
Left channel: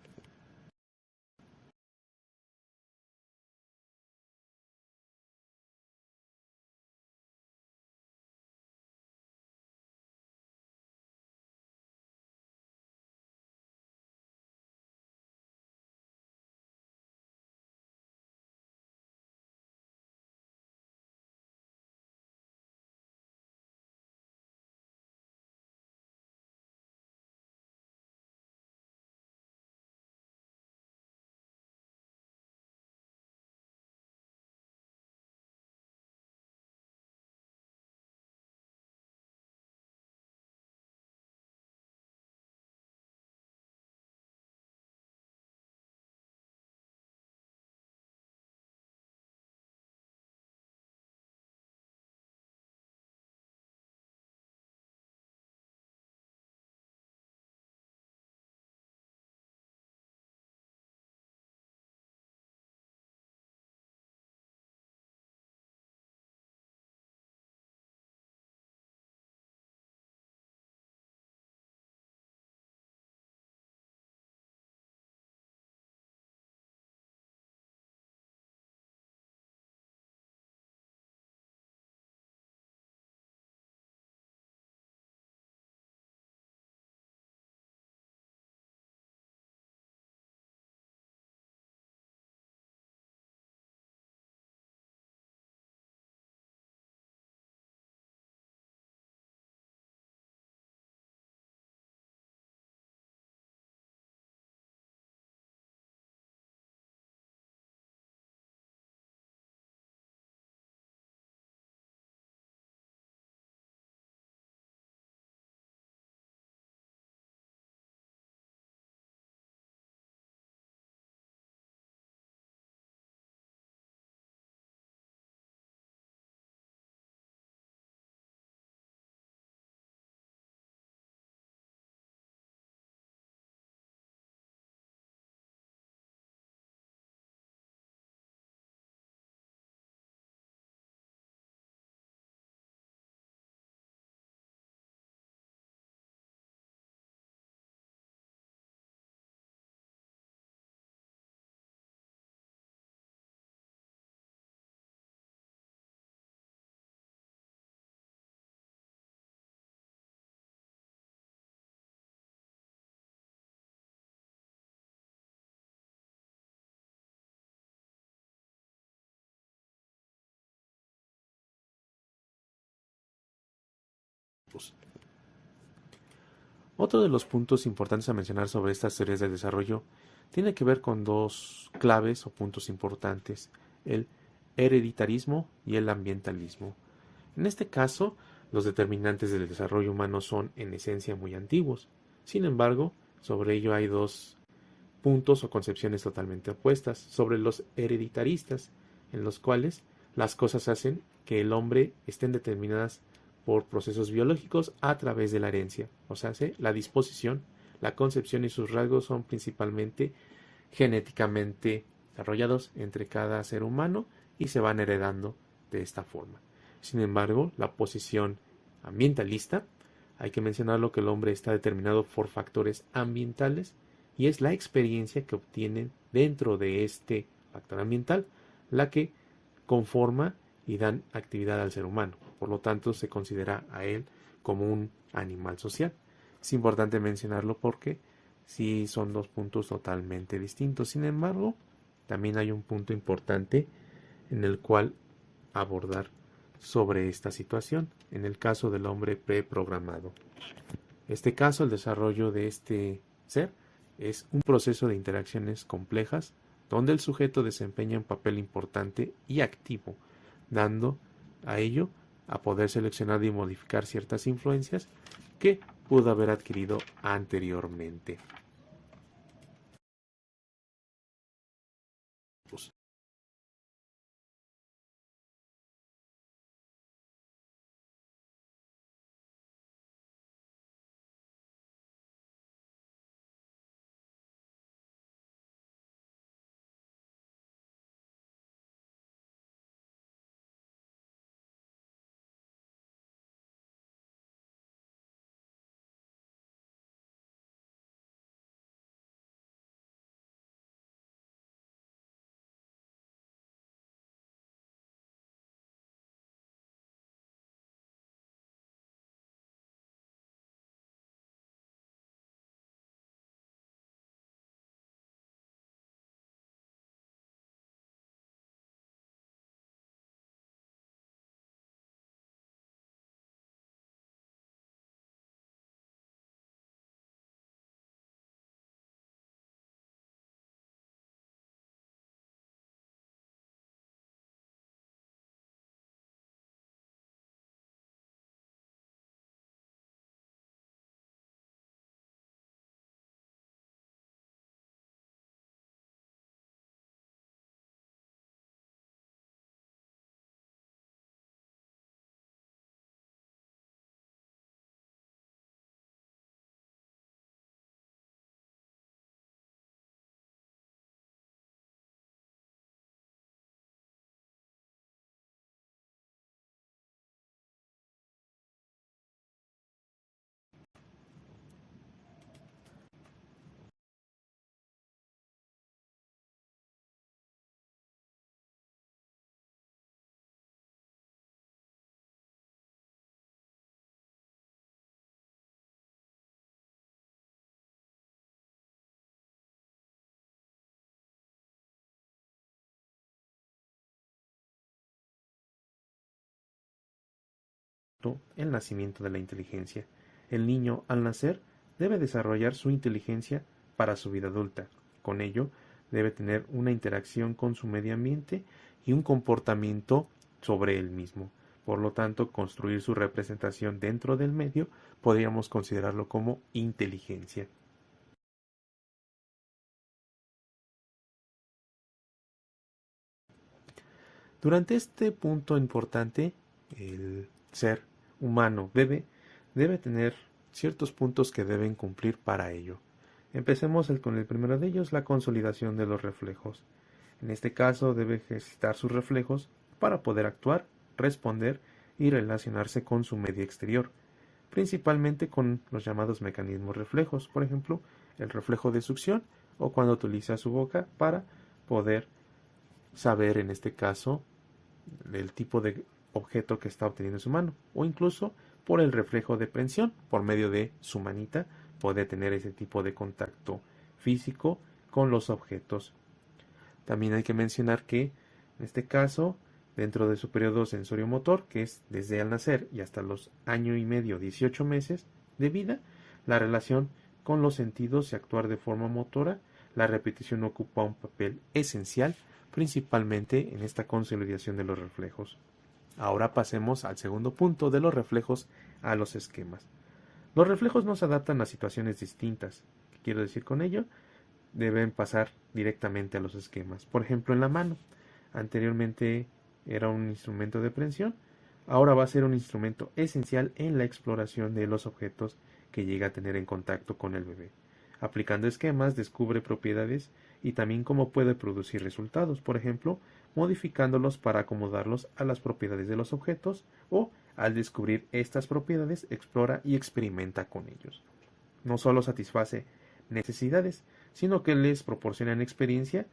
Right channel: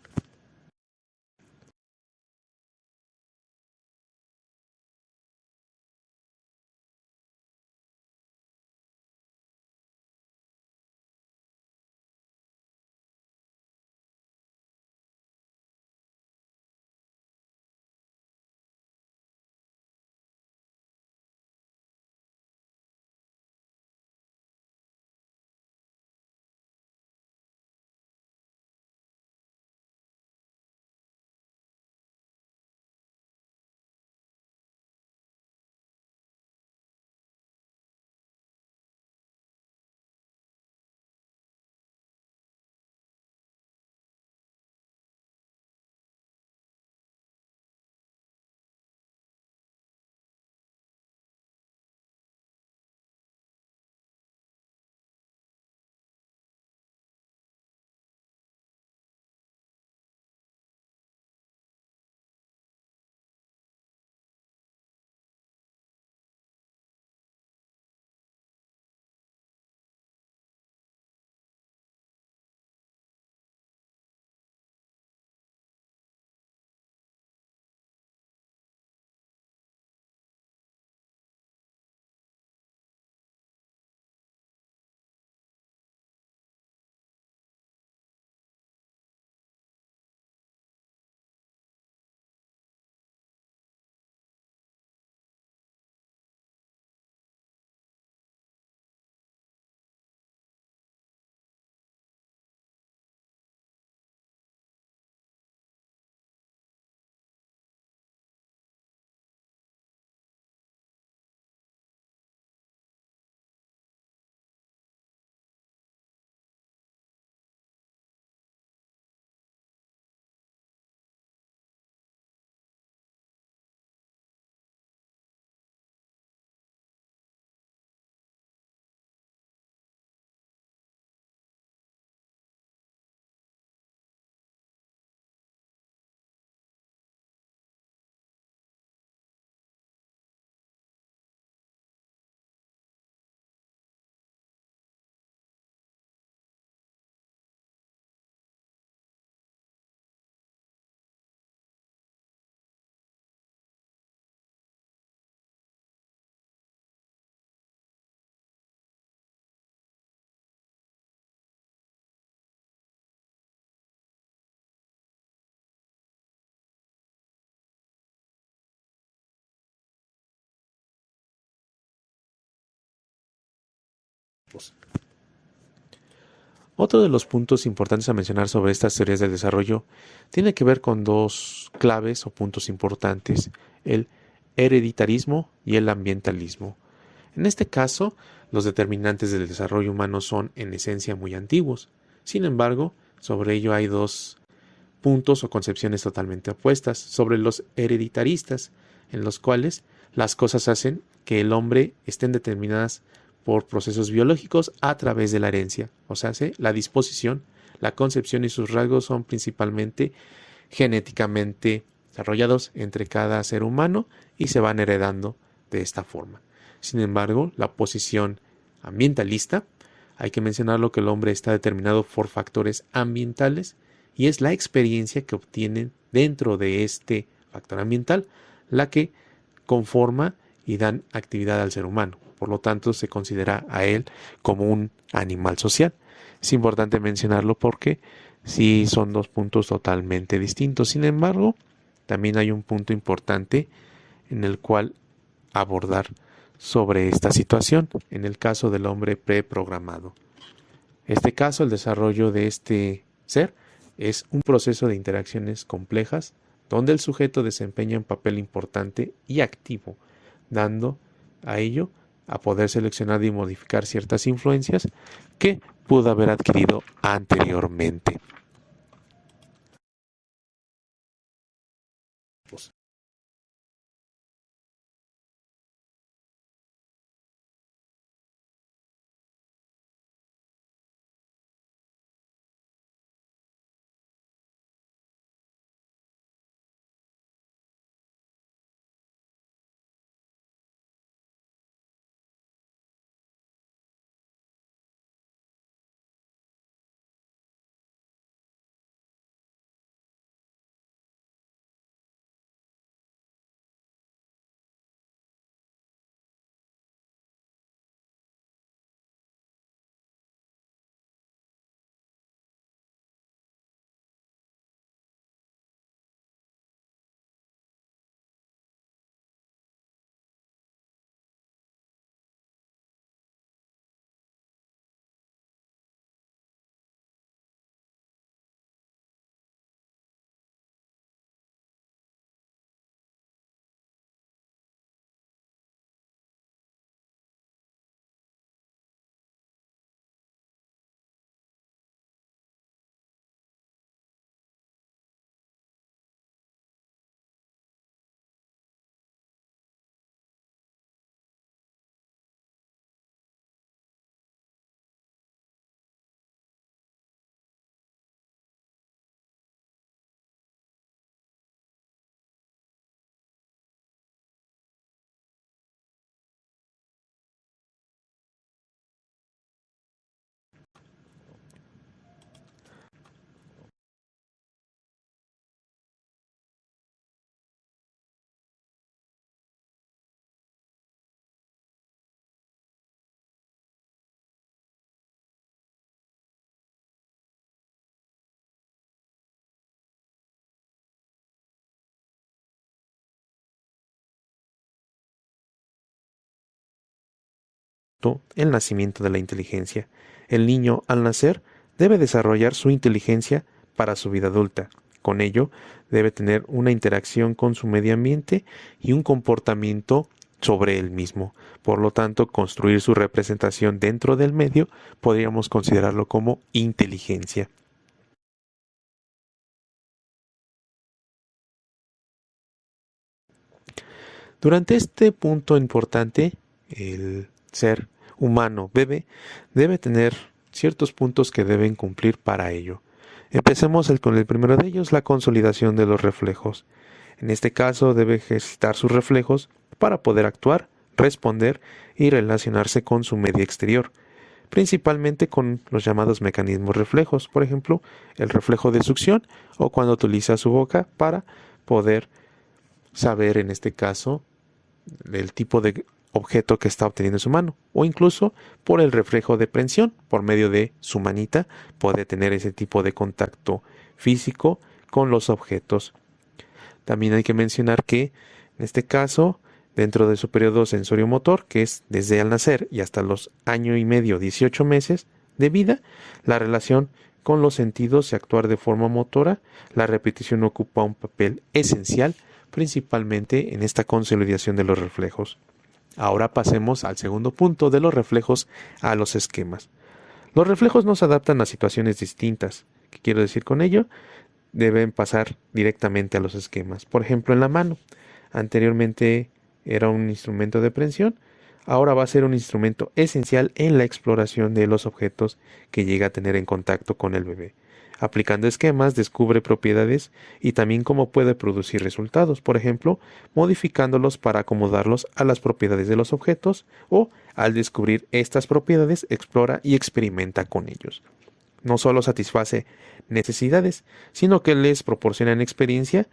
Otro de los puntos importantes a mencionar sobre estas teorías del desarrollo tiene que ver con dos claves o puntos importantes, el hereditarismo y el ambientalismo. En este caso, los determinantes del desarrollo humano son en esencia muy antiguos. Sin embargo, sobre ello hay dos puntos o concepciones totalmente opuestas, sobre los hereditaristas, en los cuales las cosas hacen que el hombre estén determinadas por procesos biológicos a través de la herencia, o sea, la disposición, la concepción y sus rasgos son principalmente genéticamente desarrollados entre cada ser humano y se van heredando de esta forma. Sin embargo, la posición ambientalista, hay que mencionarlo que el hombre está determinado por factores ambientales y es la experiencia que obtienen dentro de este factor ambiental la que conforma y dan actividad al ser humano. Por lo tanto, se considera a él como un animal social. Es importante mencionarlo porque sí son dos puntos totalmente distintos. Sin embargo, también hay un punto importante en el cual abordar sobre esta situación, en el caso del hombre preprogramado. Este caso, el desarrollo de este ser es un proceso de interacciones complejas donde el sujeto desempeña un papel importante y activo, dando a ello a poder seleccionar y modificar ciertas influencias que pudo haber adquirido anteriormente. El nacimiento de la inteligencia. El niño, al nacer, debe desarrollar su inteligencia para su vida adulta. Con ello, debe tener una interacción con su medio ambiente y un comportamiento sobre él mismo. Por lo tanto, construir su representación dentro del medio podríamos considerarlo como inteligencia. Durante este punto importante, el ser humano debe tener ciertos puntos que deben cumplir para ello. Empecemos con el primero de ellos, la consolidación de los reflejos. En este caso debe ejercitar sus reflejos para poder actuar, responder y relacionarse con su medio exterior, principalmente con los llamados mecanismos reflejos, por ejemplo, el reflejo de succión o cuando utiliza su boca para poder saber en este caso el tipo de objeto que está obteniendo en su mano o incluso por el reflejo de prensión por medio de su manita puede tener ese tipo de contacto físico con los objetos. También hay que mencionar que en este caso dentro de su periodo sensorio-motor, que es desde el nacer y hasta los año y medio, 18 meses de vida. La relación con los sentidos y actuar de forma motora, la repetición ocupa un papel esencial, principalmente en esta consolidación de los reflejos. Ahora pasemos al segundo punto, de los reflejos a los esquemas. Los reflejos no se adaptan a situaciones distintas. ¿Qué quiero decir con ello? Deben pasar directamente a los esquemas. Por ejemplo, en la mano. Anteriormente era un instrumento de prensión. Ahora va a ser un instrumento esencial en la exploración de los objetos que llega a tener en contacto con el bebé. Aplicando esquemas, descubre propiedades y también cómo puede producir resultados, por ejemplo, modificándolos para acomodarlos a las propiedades de los objetos, o al descubrir estas propiedades, explora y experimenta con ellos. No solo satisface necesidades, sino que les proporcionan experiencia,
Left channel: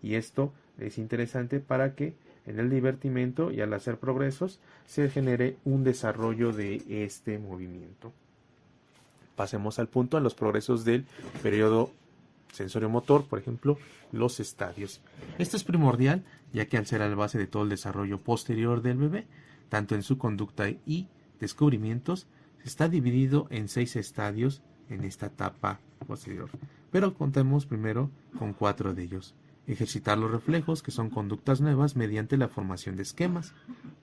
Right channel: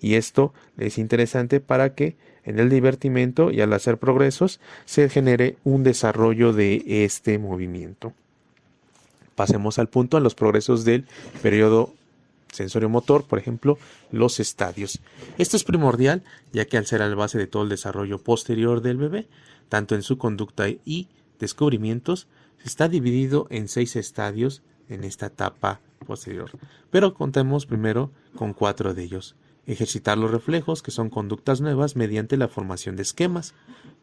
y esto es interesante para que en el divertimento y al hacer progresos se genere un desarrollo de este movimiento. Pasemos al punto en los progresos del periodo sensorio-motor, por ejemplo, los estadios. Esto es primordial, ya que al ser la base de todo el desarrollo posterior del bebé, tanto en su conducta y descubrimientos, está dividido en 6 estadios en esta etapa posterior. Pero contemos primero con 4 de ellos. Ejercitar los reflejos, que son conductas nuevas mediante la formación de esquemas.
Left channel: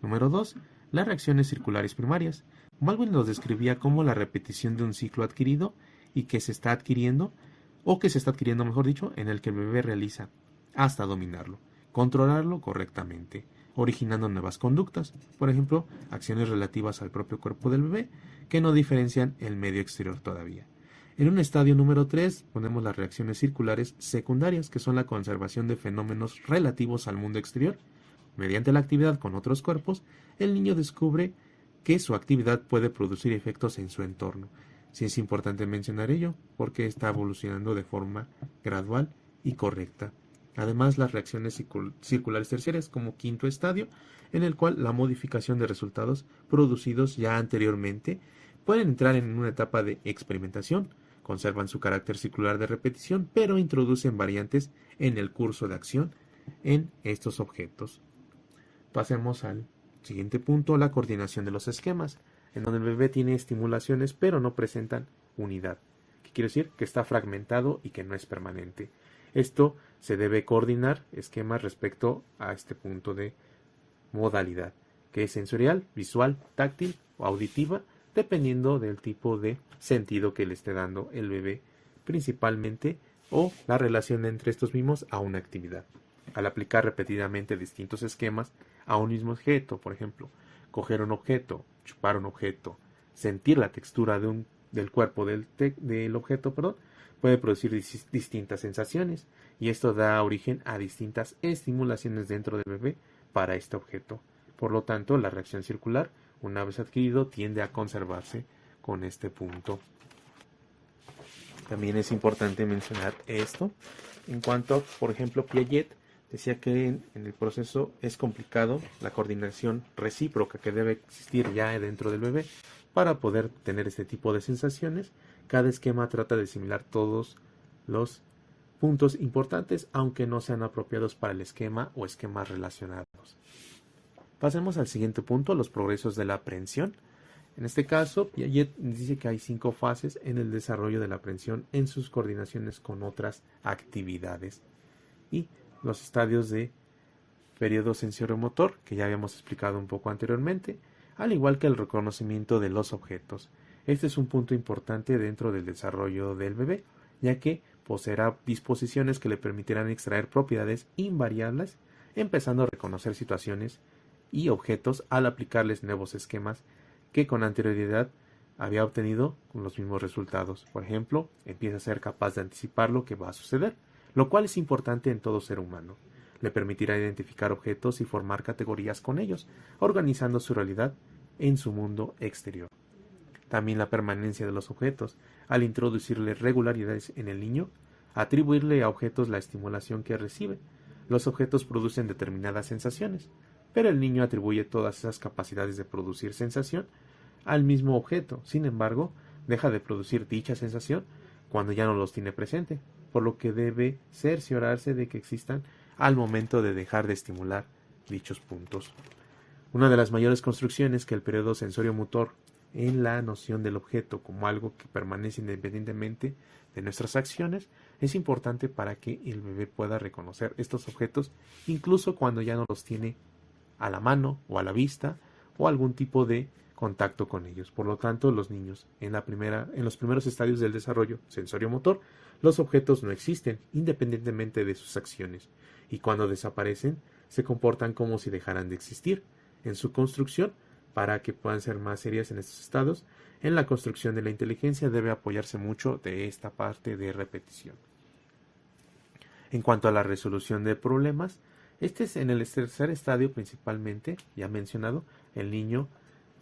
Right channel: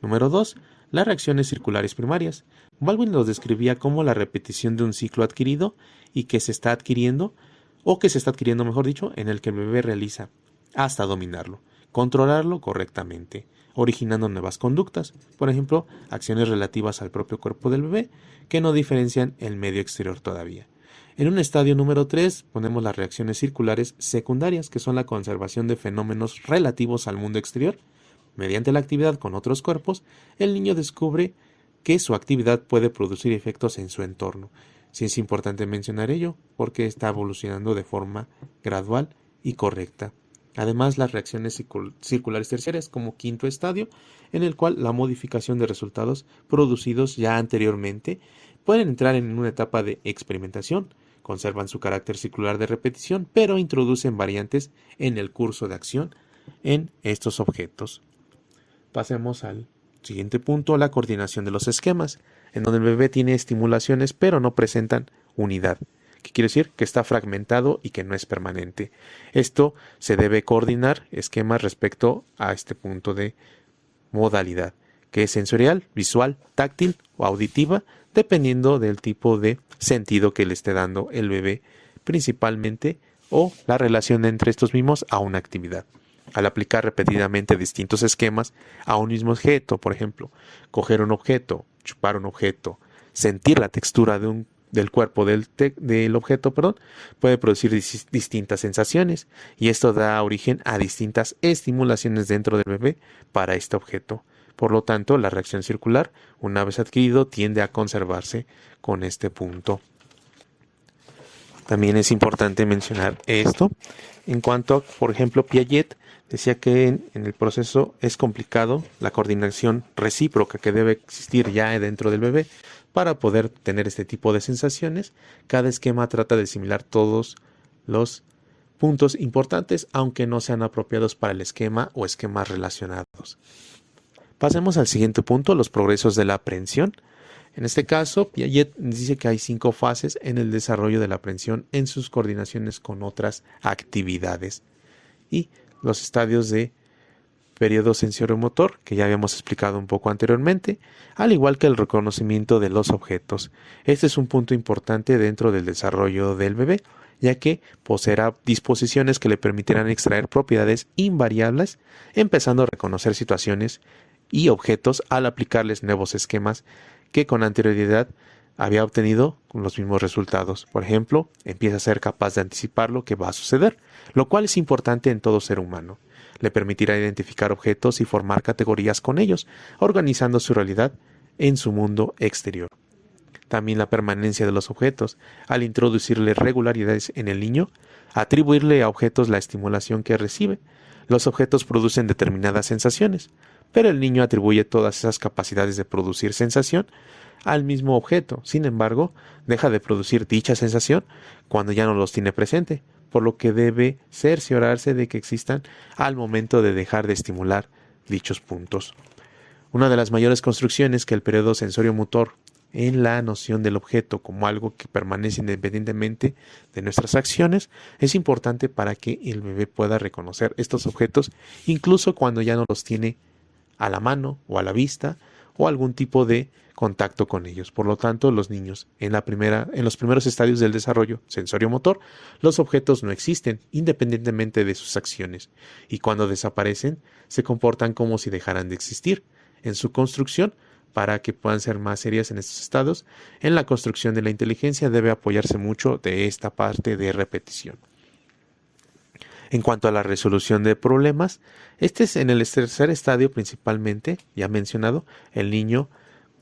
Número 2. Las reacciones circulares primarias. Baldwin los describía como la repetición de un ciclo adquirido y que se está adquiriendo, o que se está adquiriendo, mejor dicho, en el que el bebé realiza hasta dominarlo, controlarlo correctamente, originando nuevas conductas, por ejemplo, acciones relativas al propio cuerpo del bebé que no diferencian el medio exterior todavía. En un estadio número 3 ponemos las reacciones circulares secundarias, que son la conservación de fenómenos relativos al mundo exterior. Mediante la actividad con otros cuerpos, el niño descubre que su actividad puede producir efectos en su entorno. Sí es importante mencionar ello, porque está evolucionando de forma gradual y correcta. Además, las reacciones circulares terciarias como quinto estadio, en el cual la modificación de resultados producidos ya anteriormente pueden entrar en una etapa de experimentación, conservan su carácter circular de repetición, pero introducen variantes en el curso de acción en estos objetos. Pasemos al siguiente punto, la coordinación de los esquemas, en donde el bebé tiene estimulaciones pero no presentan unidad. ¿Qué quiere decir? Que está fragmentado y que no es permanente. Esto se debe coordinar esquemas respecto a este punto de modalidad, que es sensorial, visual, táctil o auditiva, dependiendo del tipo de sentido que le esté dando el bebé principalmente, o la relación entre estos mismos a una actividad. Al aplicar repetidamente distintos esquemas a un mismo objeto, por ejemplo, coger un objeto, chupar un objeto, sentir la textura del cuerpo del objeto, puede producir distintas sensaciones, y esto da origen a distintas estimulaciones dentro del bebé para este objeto. Por lo tanto, la reacción circular, una vez adquirido, tiende a conservarse con este punto. También es importante mencionar esto en cuanto, por ejemplo, Piaget decía que en el proceso es complicado la coordinación recíproca que debe existir ya dentro del bebé para poder tener este tipo de sensaciones. Cada esquema trata de asimilar todos los puntos importantes, aunque no sean apropiados para el esquema o esquemas relacionados. Pasemos al siguiente punto, los progresos de la aprehensión. En este caso, Piaget dice que hay 5 fases en el desarrollo de la aprehensión en sus coordinaciones con otras actividades. Y los estadios de periodo sensorio-motor, que ya habíamos explicado un poco anteriormente, al igual que el reconocimiento de los objetos. Este es un punto importante dentro del desarrollo del bebé, ya que poseerá disposiciones que le permitirán extraer propiedades invariables, empezando a reconocer situaciones y objetos al aplicarles nuevos esquemas que con anterioridad había obtenido con los mismos resultados. Por ejemplo, empieza a ser capaz de anticipar lo que va a suceder, lo cual es importante en todo ser humano. Le permitirá identificar objetos y formar categorías con ellos, organizando su realidad en su mundo exterior. También la permanencia de los objetos, al introducirle regularidades en el niño, atribuirle a objetos la estimulación que recibe. Los objetos producen determinadas sensaciones, pero el niño atribuye todas esas capacidades de producir sensación al mismo objeto. Sin embargo, deja de producir dicha sensación cuando ya no los tiene presente, por lo que debe cerciorarse de que existan al momento de dejar de estimular dichos puntos. Una de las mayores construcciones que el periodo sensorio-motor en la noción del objeto como algo que permanece independientemente de nuestras acciones es importante para que el bebé pueda reconocer estos objetos incluso cuando ya no los tiene a la mano o a la vista o algún tipo de contacto con ellos. Por lo tanto, los niños en los primeros estadios del desarrollo sensorio-motor, los objetos no existen independientemente de sus acciones y cuando desaparecen se comportan como si dejaran de existir. En su construcción, para que puedan ser más serias en estos estados, en la construcción de la inteligencia debe apoyarse mucho de esta parte de repetición. En cuanto a la resolución de problemas, este es en el tercer estadio principalmente, ya mencionado, el niño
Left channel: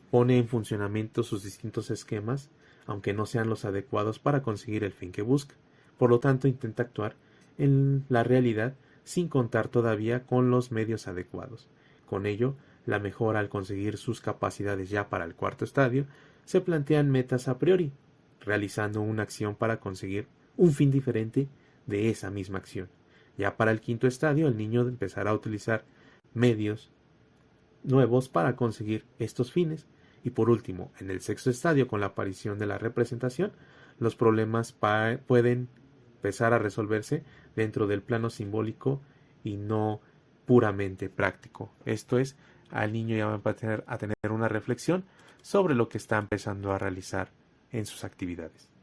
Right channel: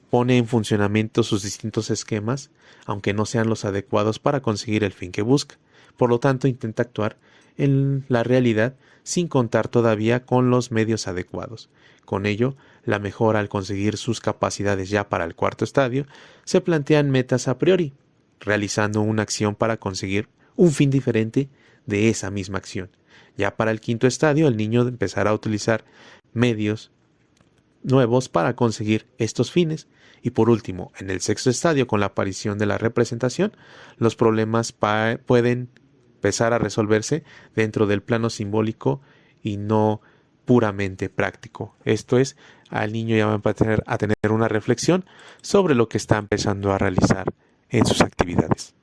pone en funcionamiento sus distintos esquemas, aunque no sean los adecuados para conseguir el fin que busca. Por lo tanto, intenta actuar en la realidad sin contar todavía con los medios adecuados. Con ello, la mejora al conseguir sus capacidades ya para el cuarto estadio, se plantean metas a priori, realizando una acción para conseguir un fin diferente de esa misma acción. Ya para el quinto estadio, el niño empezará a utilizar medios nuevos para conseguir estos fines. Y por último, en el sexto estadio, con la aparición de la representación, los problemas pueden empezar a resolverse dentro del plano simbólico y no puramente práctico. Esto es, al niño ya va a tener una reflexión sobre lo que está empezando a realizar en sus actividades.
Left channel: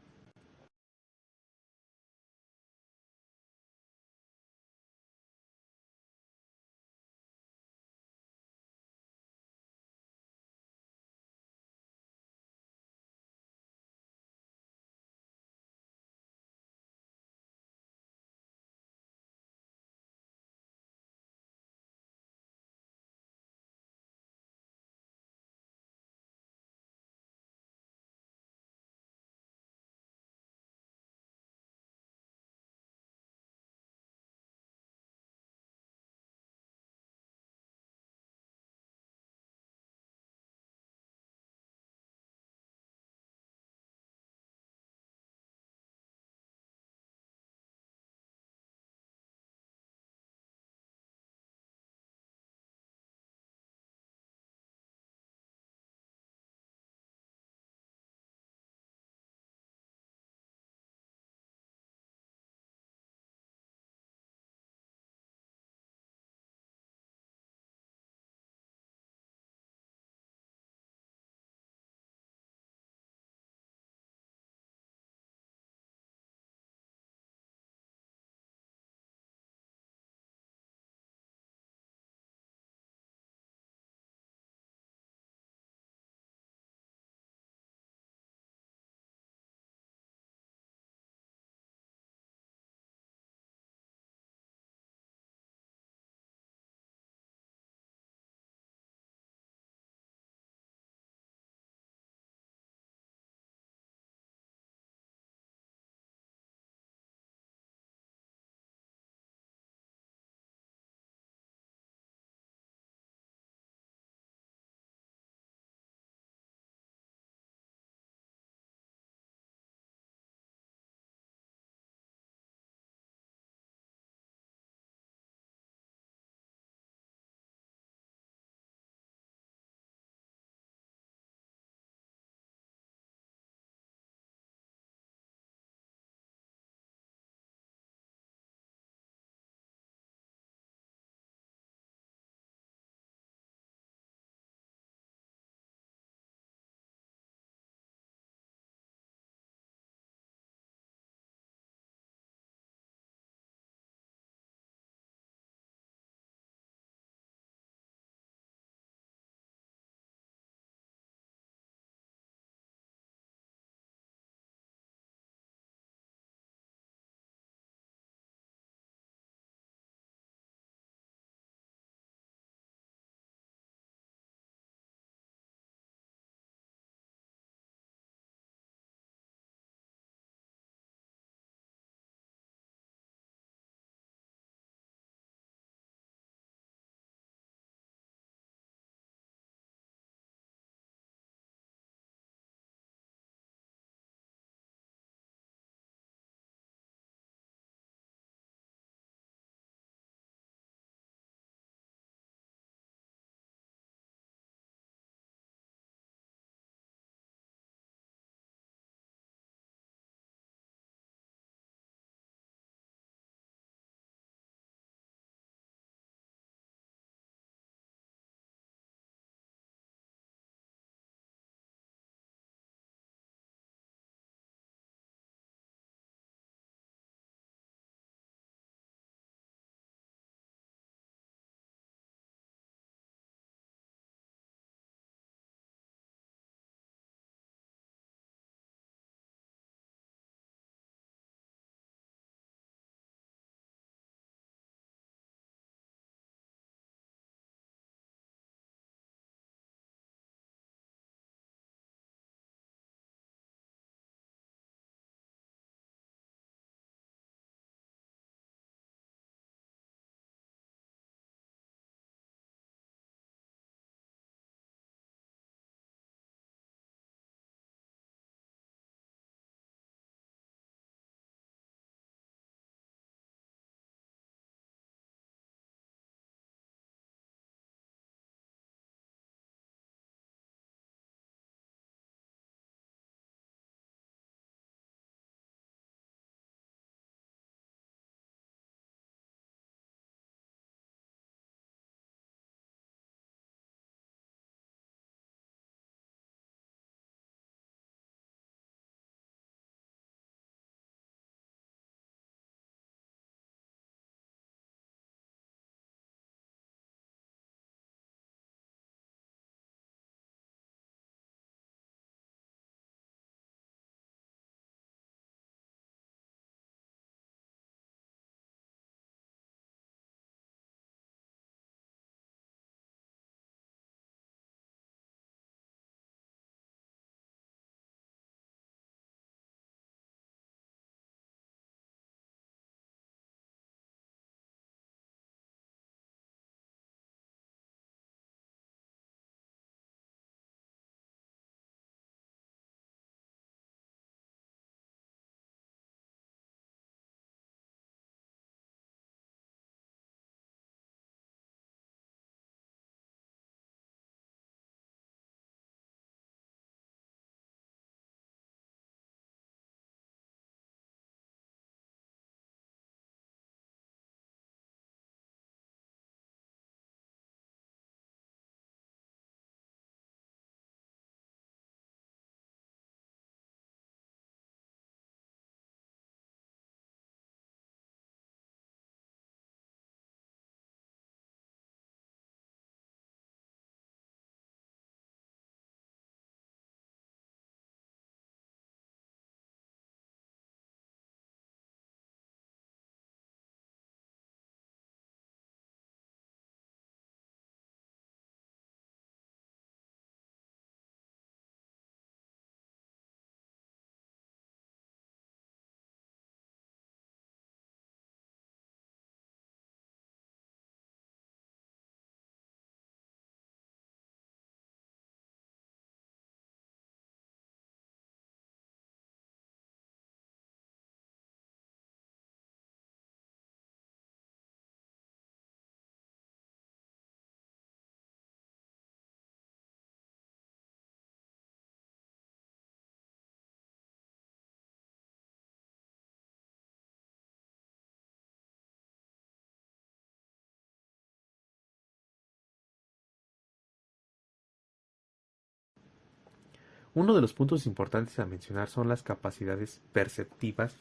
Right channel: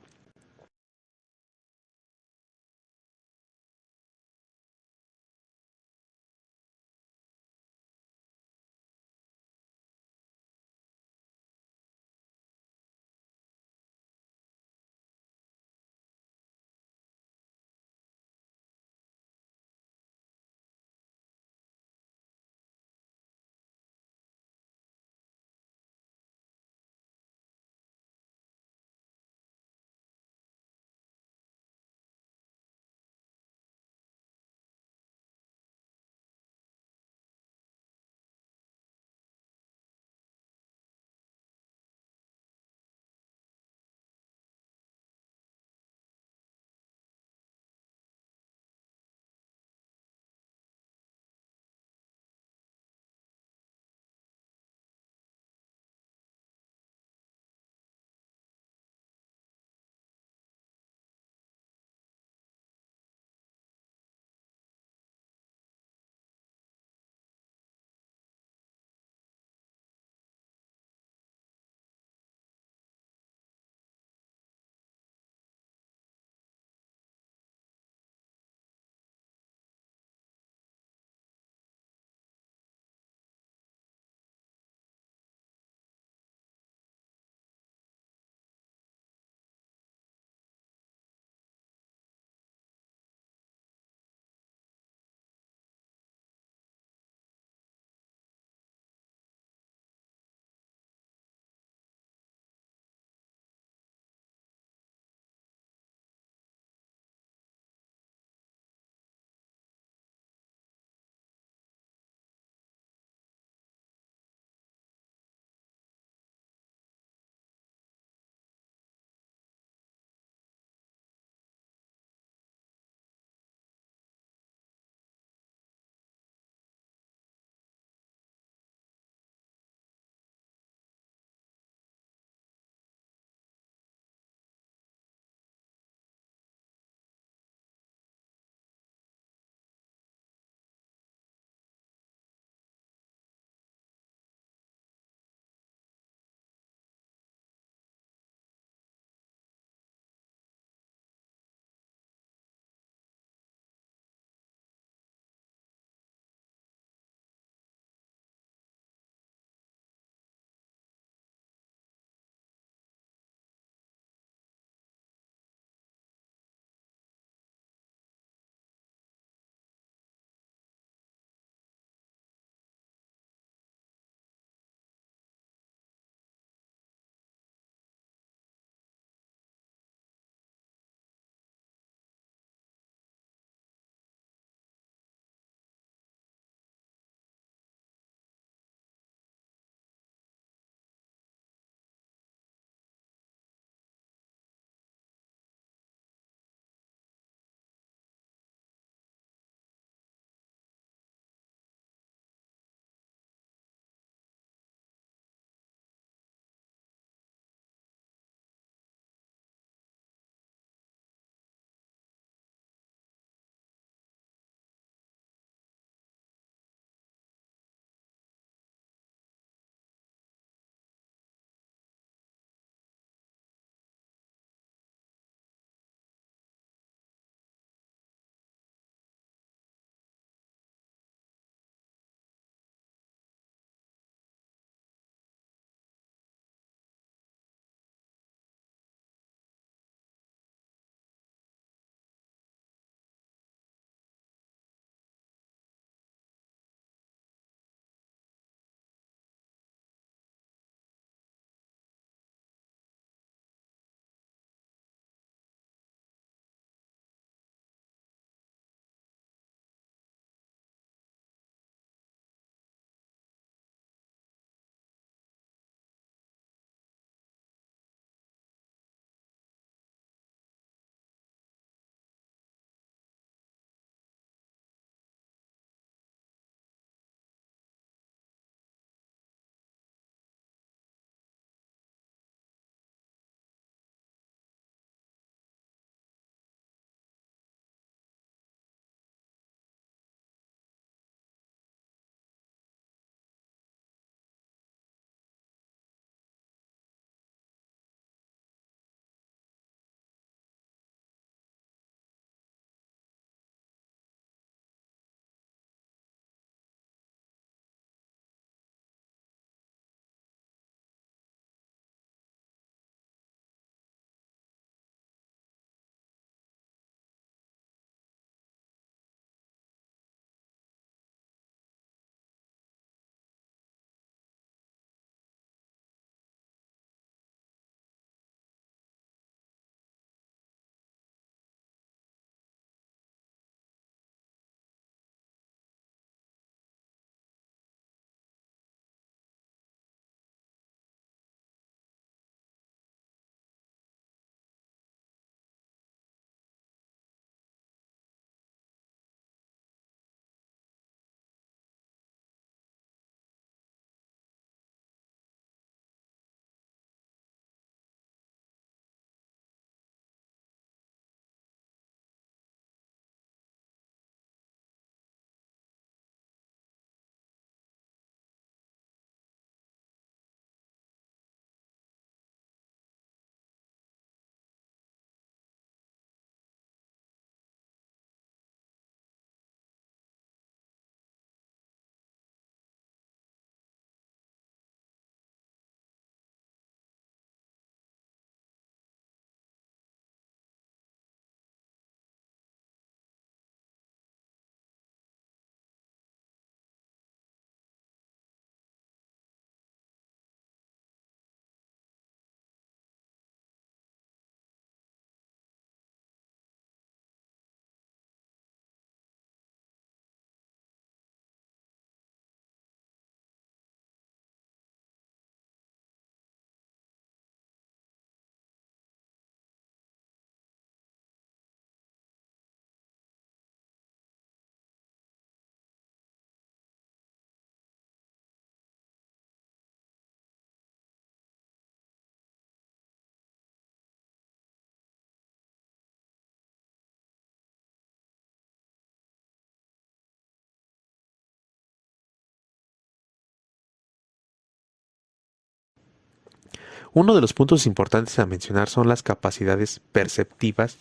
Uno de los puntos importantes a mencionar son las capacidades perceptivas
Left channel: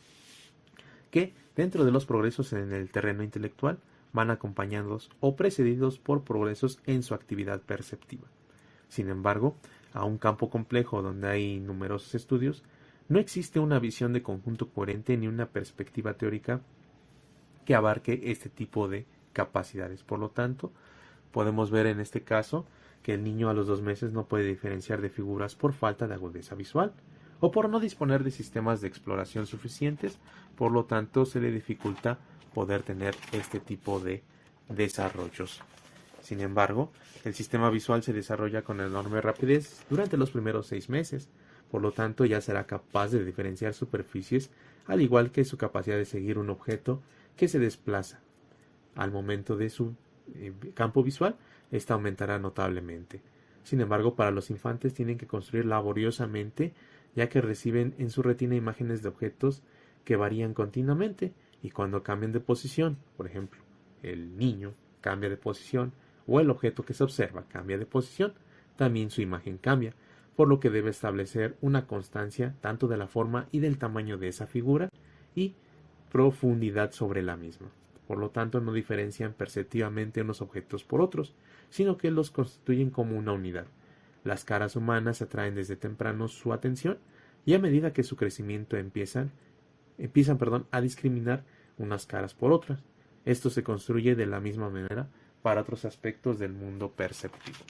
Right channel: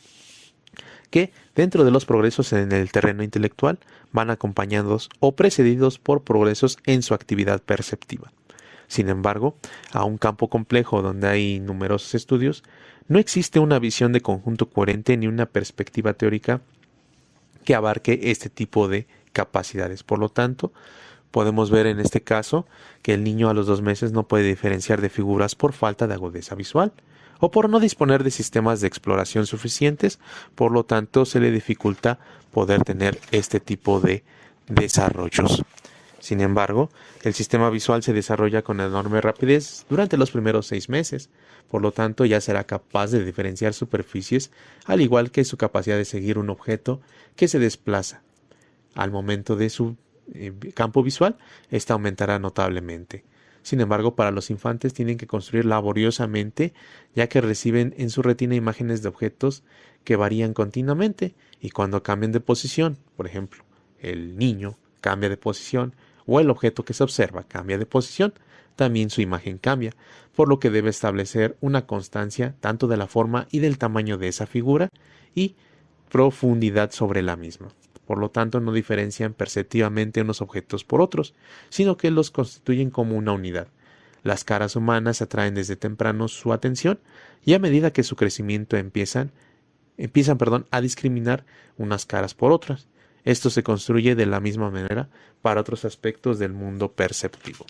que, dentro de los progresos en el terreno intelectual, van acompañados o precedidos por progresos en su actividad perceptiva. Sin embargo, a un campo complejo donde hay numerosos estudios, no existe una visión de conjunto coherente ni una perspectiva teórica que abarque este tipo de capacidades. Por lo tanto, podemos ver en este caso que el niño a los 2 meses no puede diferenciar de figuras por falta de agudeza visual o por no disponer de sistemas de exploración suficientes, por lo tanto se le dificulta poder tener este tipo de desarrollos. Sin embargo, el sistema visual se desarrolla con enorme rapidez durante los primeros 6 meses, por lo tanto ya será capaz de diferenciar superficies, al igual que su capacidad de seguir un objeto que se desplaza. Al momento de su campo visual, esta aumentará notablemente. Sin embargo, para los infantes tienen que construir laboriosamente, ya que reciben en su retina imágenes de objetos que varían continuamente y cuando cambian de posición, por ejemplo, el niño cambia de posición o el objeto que se observa cambia de posición, también su imagen cambia, por lo que debe establecer una constancia tanto de la forma y del tamaño de esa figura y profundidad sobre la misma. Por lo tanto, no diferencian perceptivamente unos objetos por otros, sino que los constituyen como una unidad. Las caras humanas atraen desde temprano su atención y a medida que su crecimiento empiezan a discriminar unas caras por otras. Esto se construye de la misma manera para otros aspectos del mundo perceptivo.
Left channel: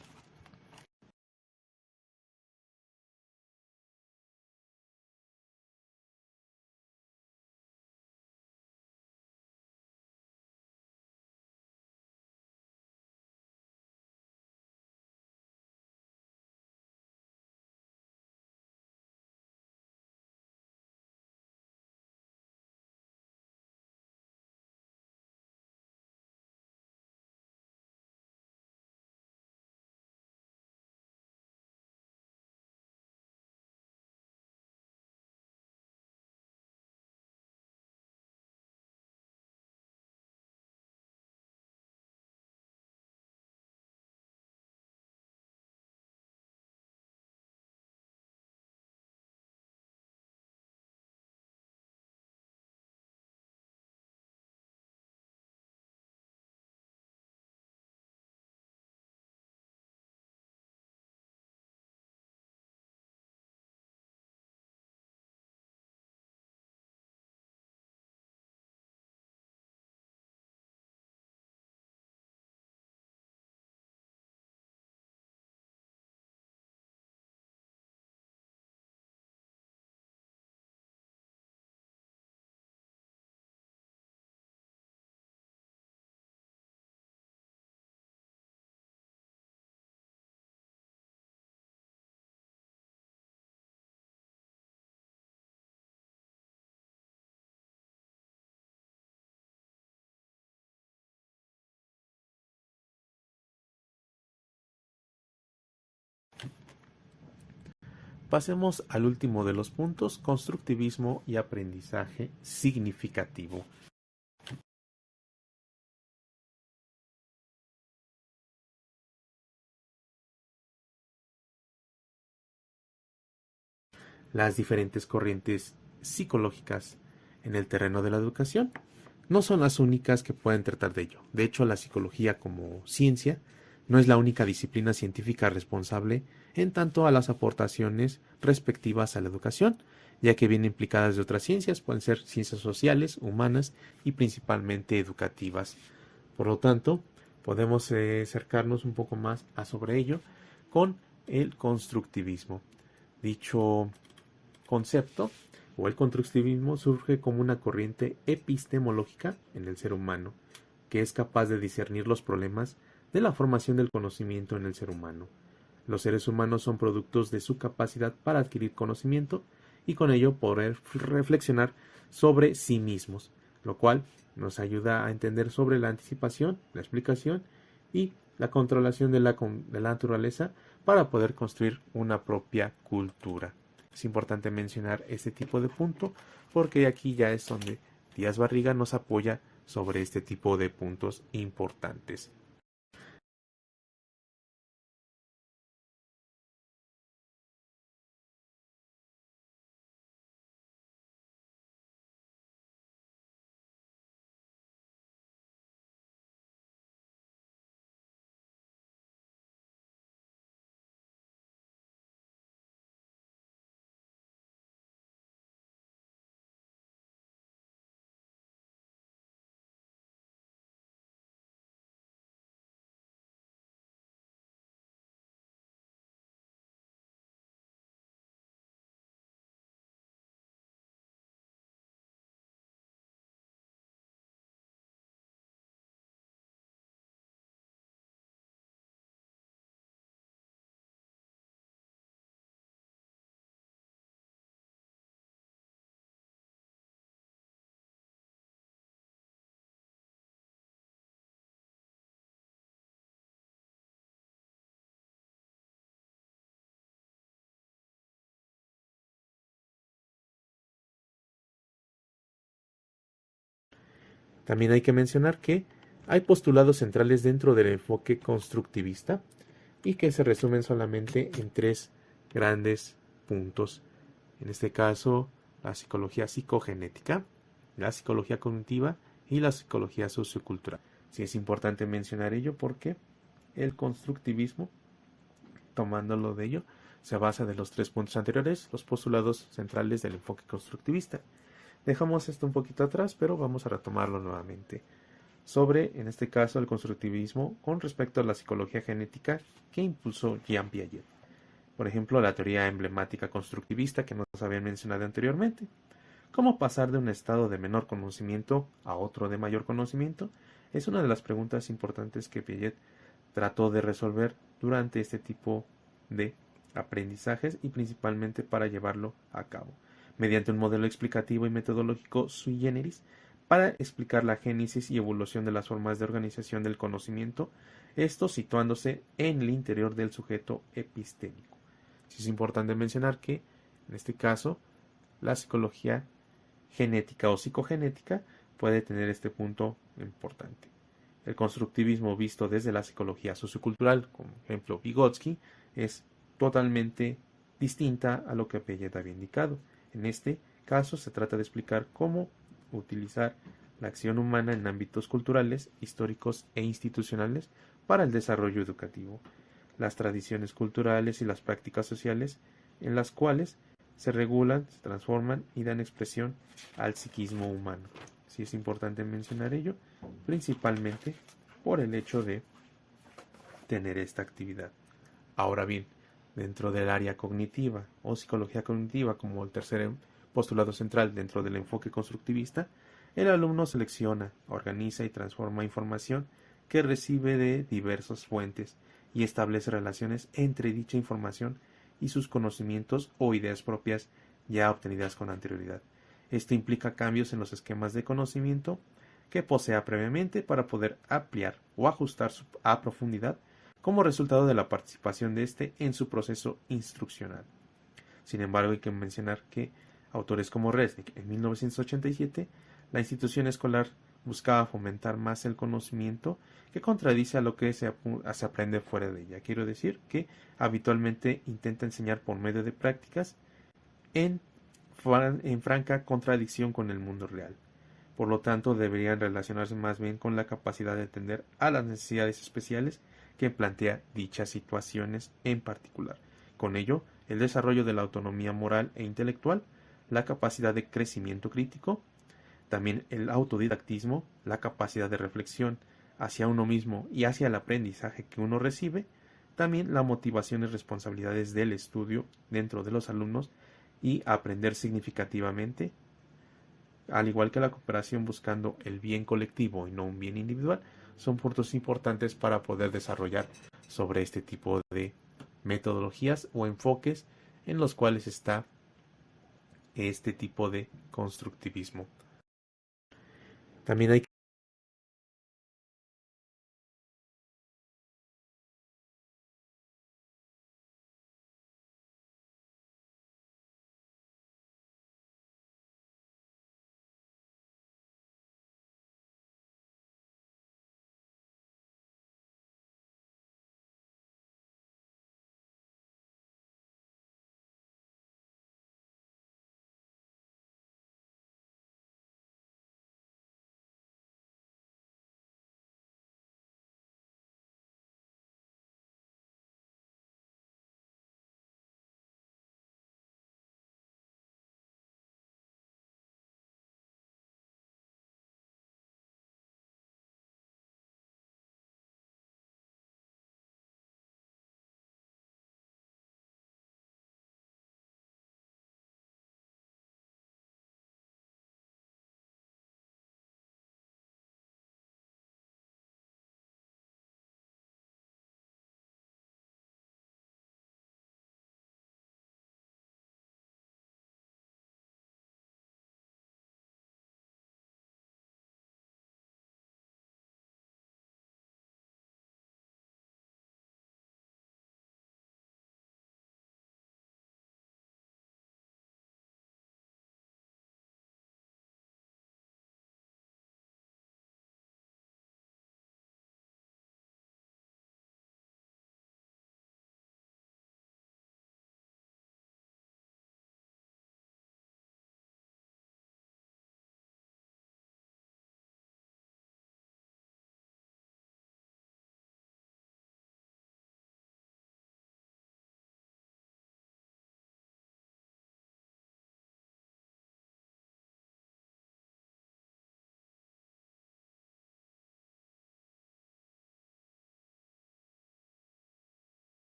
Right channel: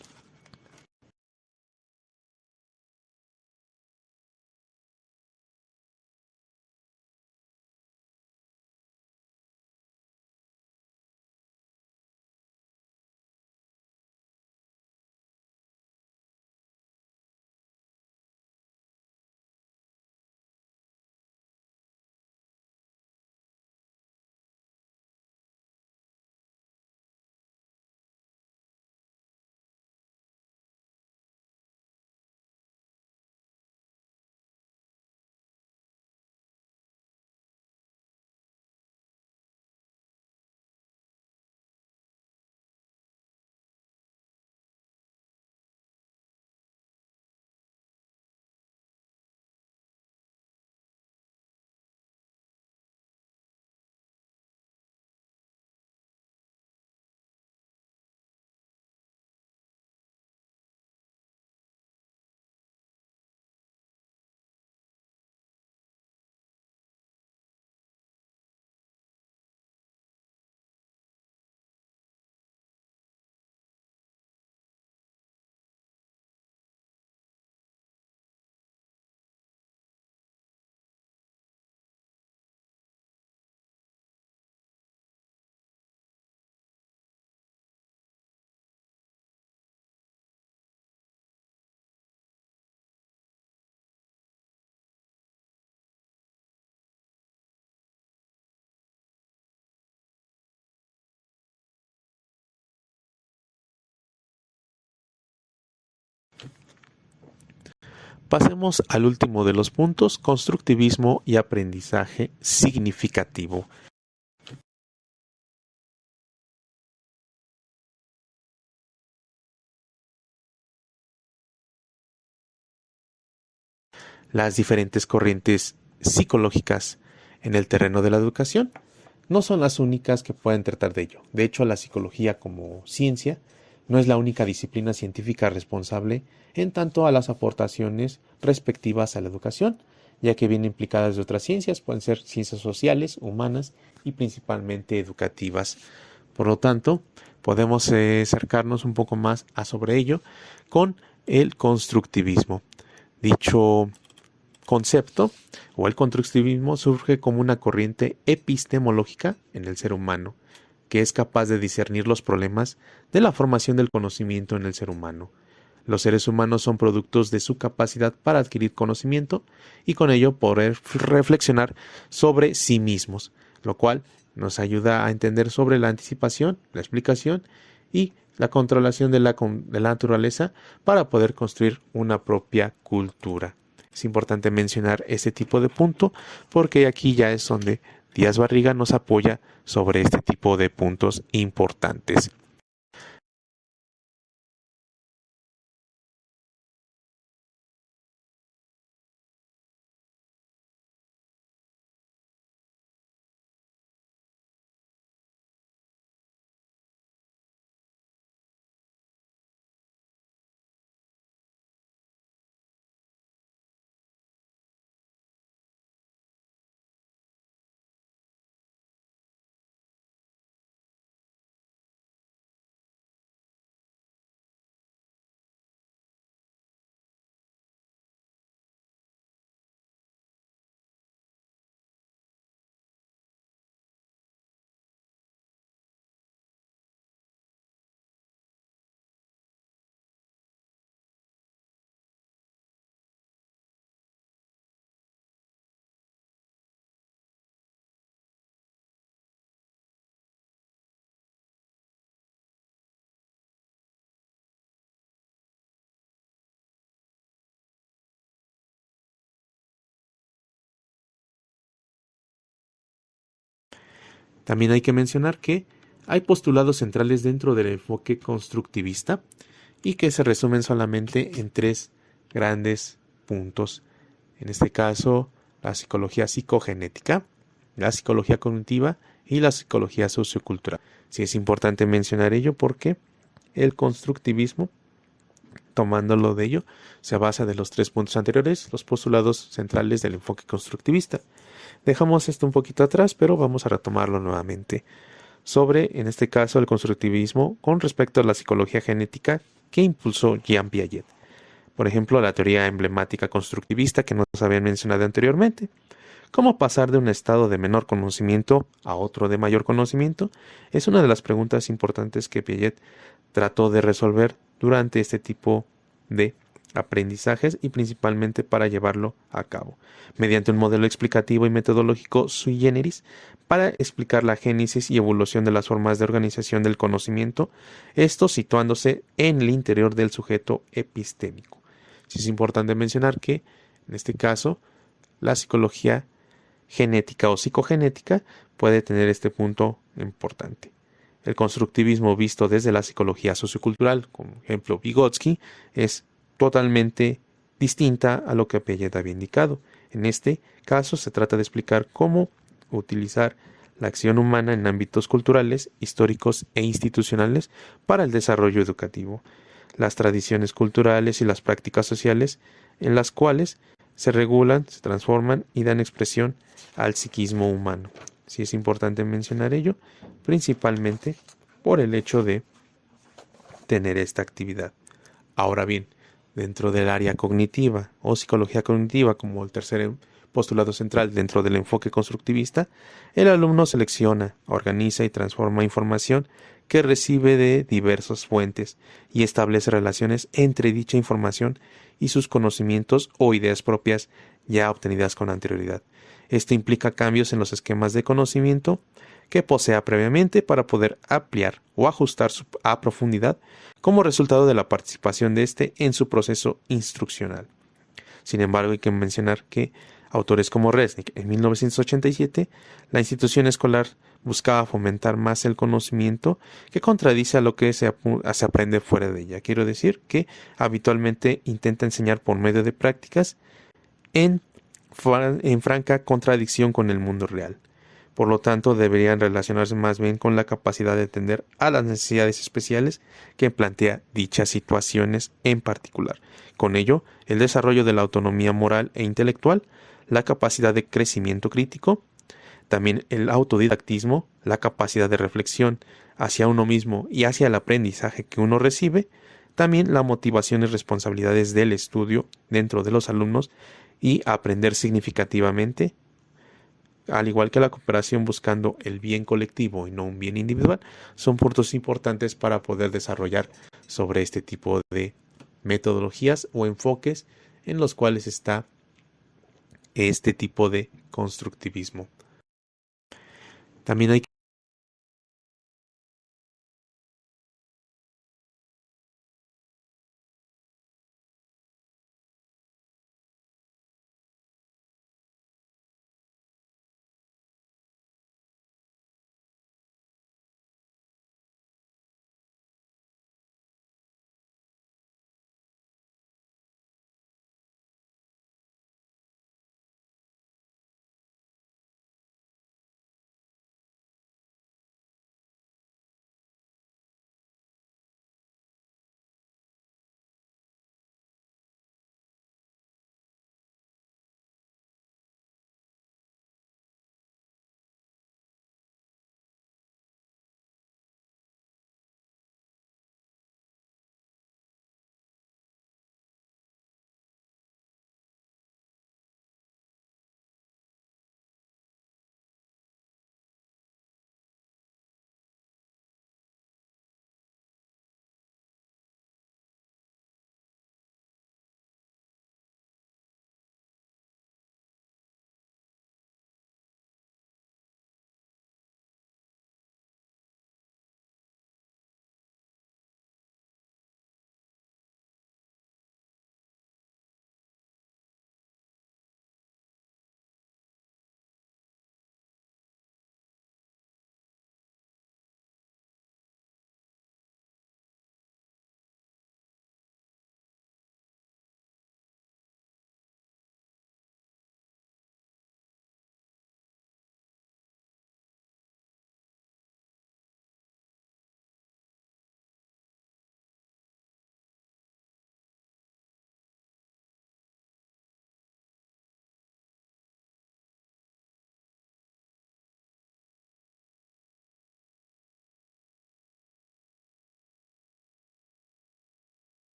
Pasemos al último de los puntos, constructivismo y aprendizaje significativo. Las diferentes corrientes psicológicas en el terreno de la educación no son las únicas que pueden tratar de ello. De hecho, la psicología como ciencia no es la única disciplina científica responsable en tanto a las aportaciones respectivas a la educación, ya que vienen implicadas de otras ciencias, pueden ser ciencias sociales, humanas y principalmente educativas. Por lo tanto, podemos acercarnos un poco más a sobre ello con el constructivismo. Dicho concepto o el constructivismo surge como una corriente epistemológica en el ser humano, que es capaz de discernir los problemas de la formación del conocimiento en el ser humano. Los seres humanos son productos de su capacidad para adquirir conocimiento y con ello poder reflexionar sobre sí mismos, lo cual nos ayuda a entender sobre la anticipación, la explicación y la controlación de la naturaleza para poder construir una propia cultura. Es importante mencionar este tipo de punto porque aquí ya es donde Díaz Barriga nos apoya sobre este tipo de puntos importantes. También hay que mencionar que hay postulados centrales dentro del enfoque constructivista y que se resumen solamente en tres grandes puntos. En este caso, la psicología psicogenética, la psicología cognitiva y la psicología sociocultural. Sí es importante mencionar ello porque el constructivismo, tomándolo de ello, se basa de los tres puntos anteriores, los postulados centrales del enfoque constructivista. Dejamos esto un poquito atrás, pero vamos a retomarlo nuevamente. Sobre, en este caso, el constructivismo con respecto a la psicología genética que impulsó Jean Piaget. Por ejemplo, la teoría emblemática constructivista que nos habían mencionado anteriormente. ¿Cómo pasar de un estado de menor conocimiento a otro de mayor conocimiento? Es una de las preguntas importantes que Piaget trató de resolver durante este tipo de aprendizajes y principalmente para llevarlo a cabo, mediante un modelo explicativo y metodológico sui generis para explicar la génesis y evolución de las formas de organización del conocimiento, esto situándose en el interior del sujeto epistémico. Sí es importante mencionar que, en este caso, la psicología genética o psicogenética puede tener este punto importante. El constructivismo visto desde la psicología sociocultural, como ejemplo Vygotsky, es totalmente distinta a lo que Piaget había indicado. En este caso se trata de explicar cómo utilizar la acción humana en ámbitos culturales, históricos e institucionales para el desarrollo educativo, las tradiciones culturales y las prácticas sociales en las cuales se regulan, se transforman y dan expresión al psiquismo humano. Sí es importante mencionar ello, principalmente por el hecho de tener esta actividad. Ahora bien, dentro del área cognitiva o psicología cognitiva, como el tercer postulado central dentro del enfoque constructivista, el alumno selecciona, organiza y transforma información que recibe de diversas fuentes y establece relaciones entre dicha información y sus conocimientos o ideas propias ya obtenidas con anterioridad. Esto implica cambios en los esquemas de conocimiento que posea previamente para poder ampliar o ajustar a profundidad como resultado de la participación de éste en su proceso instruccional. Sin embargo, hay que mencionar que autores como Resnick en 1987, la institución escolar buscaba fomentar más el conocimiento que contradice a lo que se aprende fuera de ella. Quiero decir que habitualmente intenta enseñar por medio de prácticas en, en franca contradicción con el mundo real. Por lo tanto, deberían relacionarse más bien con la capacidad de atender a las necesidades especiales que plantea dichas situaciones en particular. Con ello, el desarrollo de la autonomía moral e intelectual, la capacidad de crecimiento crítico, también el autodidactismo, la capacidad de reflexión hacia uno mismo y hacia el aprendizaje que uno recibe, también la motivación y responsabilidades del estudio dentro de los alumnos y aprender significativamente, al igual que la cooperación buscando el bien colectivo y no un bien individual, son puntos importantes para poder desarrollar sobre este tipo de metodologías o enfoques en los cuales está este tipo de constructivismo. También hay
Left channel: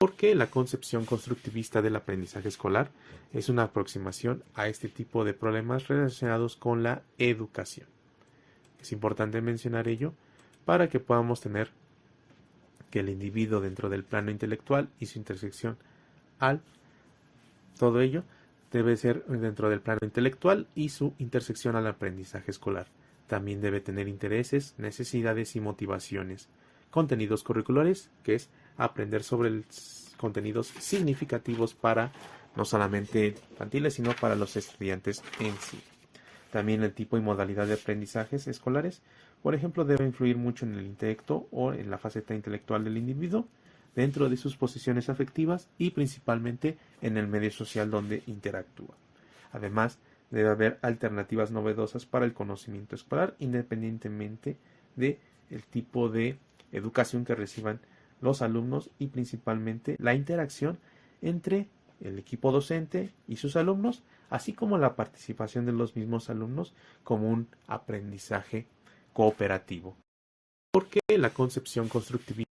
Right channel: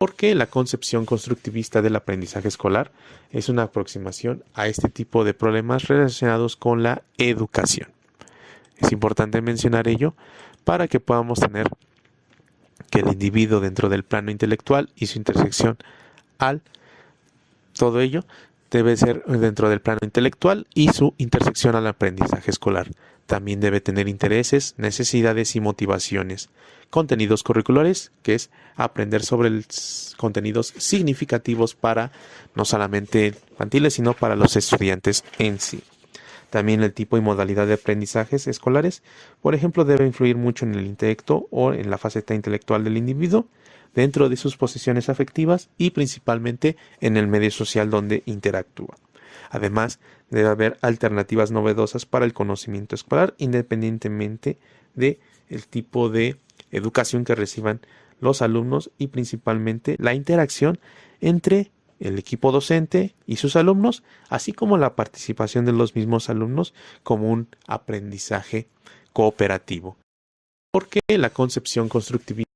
Porque la concepción constructivista del aprendizaje escolar es una aproximación a este tipo de problemas relacionados con la educación. Es importante mencionar ello para que podamos tener que el individuo dentro del plano intelectual y su intersección al todo ello debe ser dentro del plano intelectual y su intersección al aprendizaje escolar. También debe tener intereses, necesidades y motivaciones. Contenidos curriculares, que es aprender sobre los contenidos significativos para no solamente infantiles, sino para los estudiantes en sí. También el tipo y modalidad de aprendizajes escolares, por ejemplo, debe influir mucho en el intelecto o en la faceta intelectual del individuo, dentro de sus posiciones afectivas y principalmente en el medio social donde interactúa. Además, debe haber alternativas novedosas para el conocimiento escolar, independientemente de el tipo de educación que reciban los alumnos y principalmente la interacción entre el equipo docente y sus alumnos, así como la participación de los mismos alumnos como un aprendizaje cooperativo. Porque la concepción constructivista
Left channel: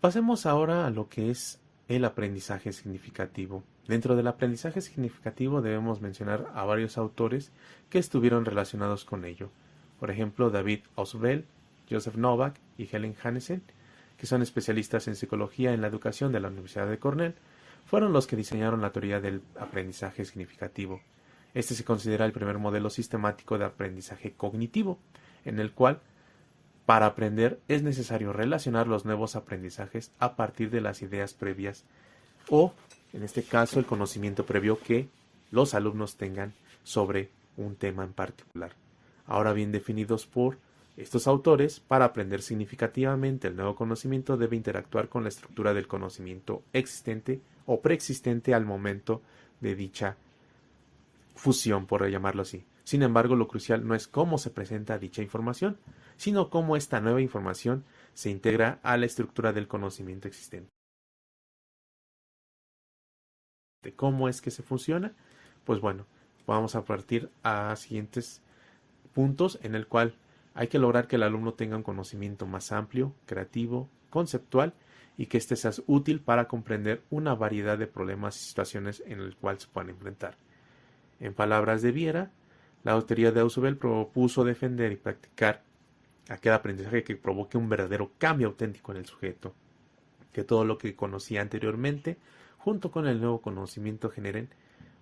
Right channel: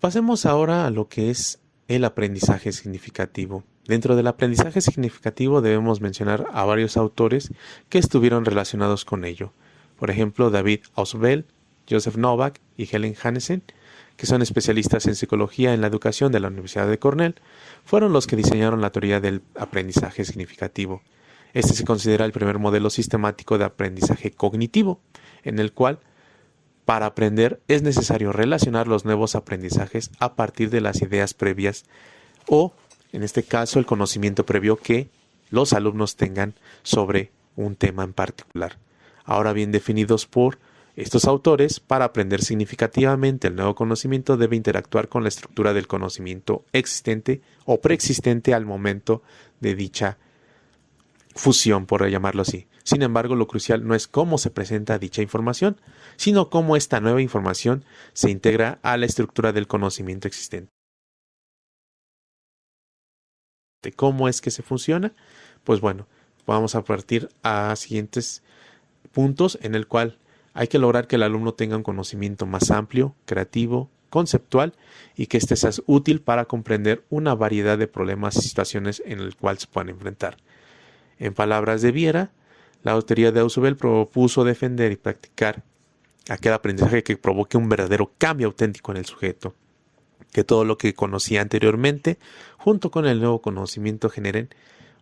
Pasemos ahora a lo que es el aprendizaje significativo. Dentro del aprendizaje significativo debemos mencionar a varios autores que estuvieron relacionados con ello. Por ejemplo, David Ausubel, Joseph Novak y Helen Hannesen, que son especialistas en psicología en la educación de la Universidad de Cornell, fueron los que diseñaron la teoría del aprendizaje significativo. Este se considera el primer modelo sistemático de aprendizaje cognitivo, en el cual para aprender es necesario relacionar los nuevos aprendizajes a partir de las ideas previas o, en este caso, el conocimiento previo que los alumnos tengan sobre un tema en particular. Ahora bien definidos por estos autores, para aprender significativamente el nuevo conocimiento debe interactuar con la estructura del conocimiento existente o preexistente al momento de dicha fusión, por llamarlo así. Sin embargo, lo crucial no es cómo se presenta dicha información, sino cómo esta nueva información se integra a la estructura del conocimiento existente. ¿Cómo es que se funciona? Pues bueno, vamos a partir a siguientes puntos en el cual hay que lograr que el alumno tenga un conocimiento más amplio, creativo, conceptual y que éste sea útil para comprender una variedad de problemas y situaciones en el cual se puedan enfrentar. En palabras de Viera, la autoría de Ausubel propuso defender y practicar aquel aprendizaje que provoque un verdadero cambio auténtico en el sujeto, que todo lo que conocía anteriormente, junto con el nuevo conocimiento, generen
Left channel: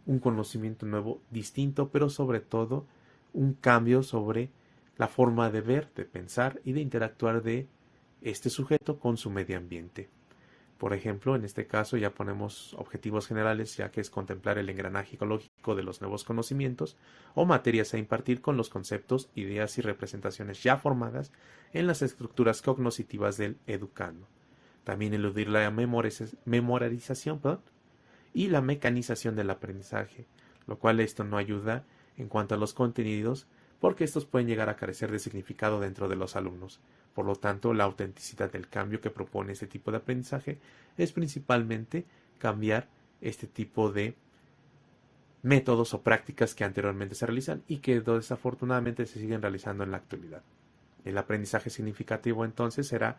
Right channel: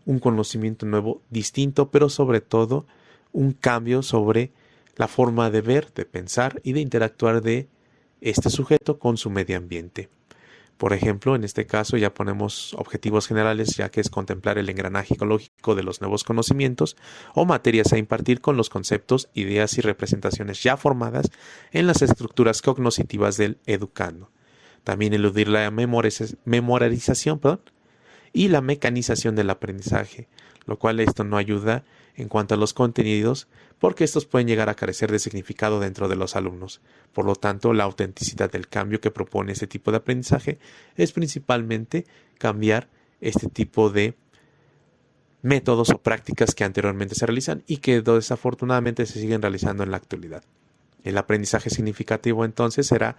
un conocimiento nuevo, distinto, pero sobre todo un cambio sobre la forma de ver, de pensar y de interactuar de este sujeto con su medio ambiente. Por ejemplo, en este caso ya ponemos objetivos generales, ya que es contemplar el engranaje ecológico de los nuevos conocimientos o materias a impartir con los conceptos, ideas y representaciones ya formadas en las estructuras cognitivas del educando. También eludir la memorización, y la mecanización del aprendizaje, lo cual esto no ayuda en cuanto a los contenidos, porque estos pueden llegar a carecer de significado dentro de los alumnos. Por lo tanto, la autenticidad del cambio que propone este tipo de aprendizaje es principalmente cambiar este tipo de métodos o prácticas que anteriormente se realizan y que desafortunadamente se siguen realizando en la actualidad. El aprendizaje significativo entonces será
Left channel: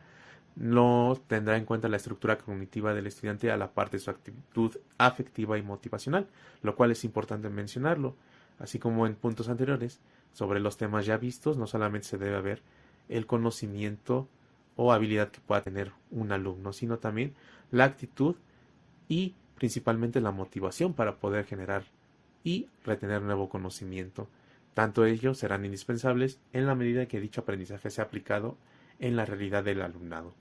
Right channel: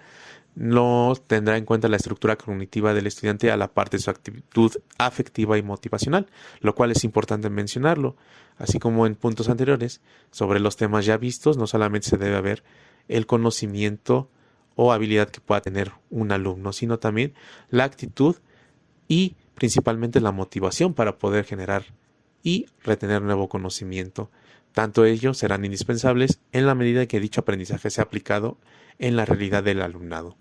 no tendrá en cuenta la estructura cognitiva del estudiante a la par de su actitud afectiva y motivacional, lo cual es importante mencionarlo. Así como en puntos anteriores, sobre los temas ya vistos, no solamente se debe ver el conocimiento o habilidad que pueda tener un alumno, sino también la actitud y principalmente la motivación para poder generar y retener nuevo conocimiento. Tanto ellos serán indispensables en la medida que dicho aprendizaje sea aplicado en la realidad del alumnado.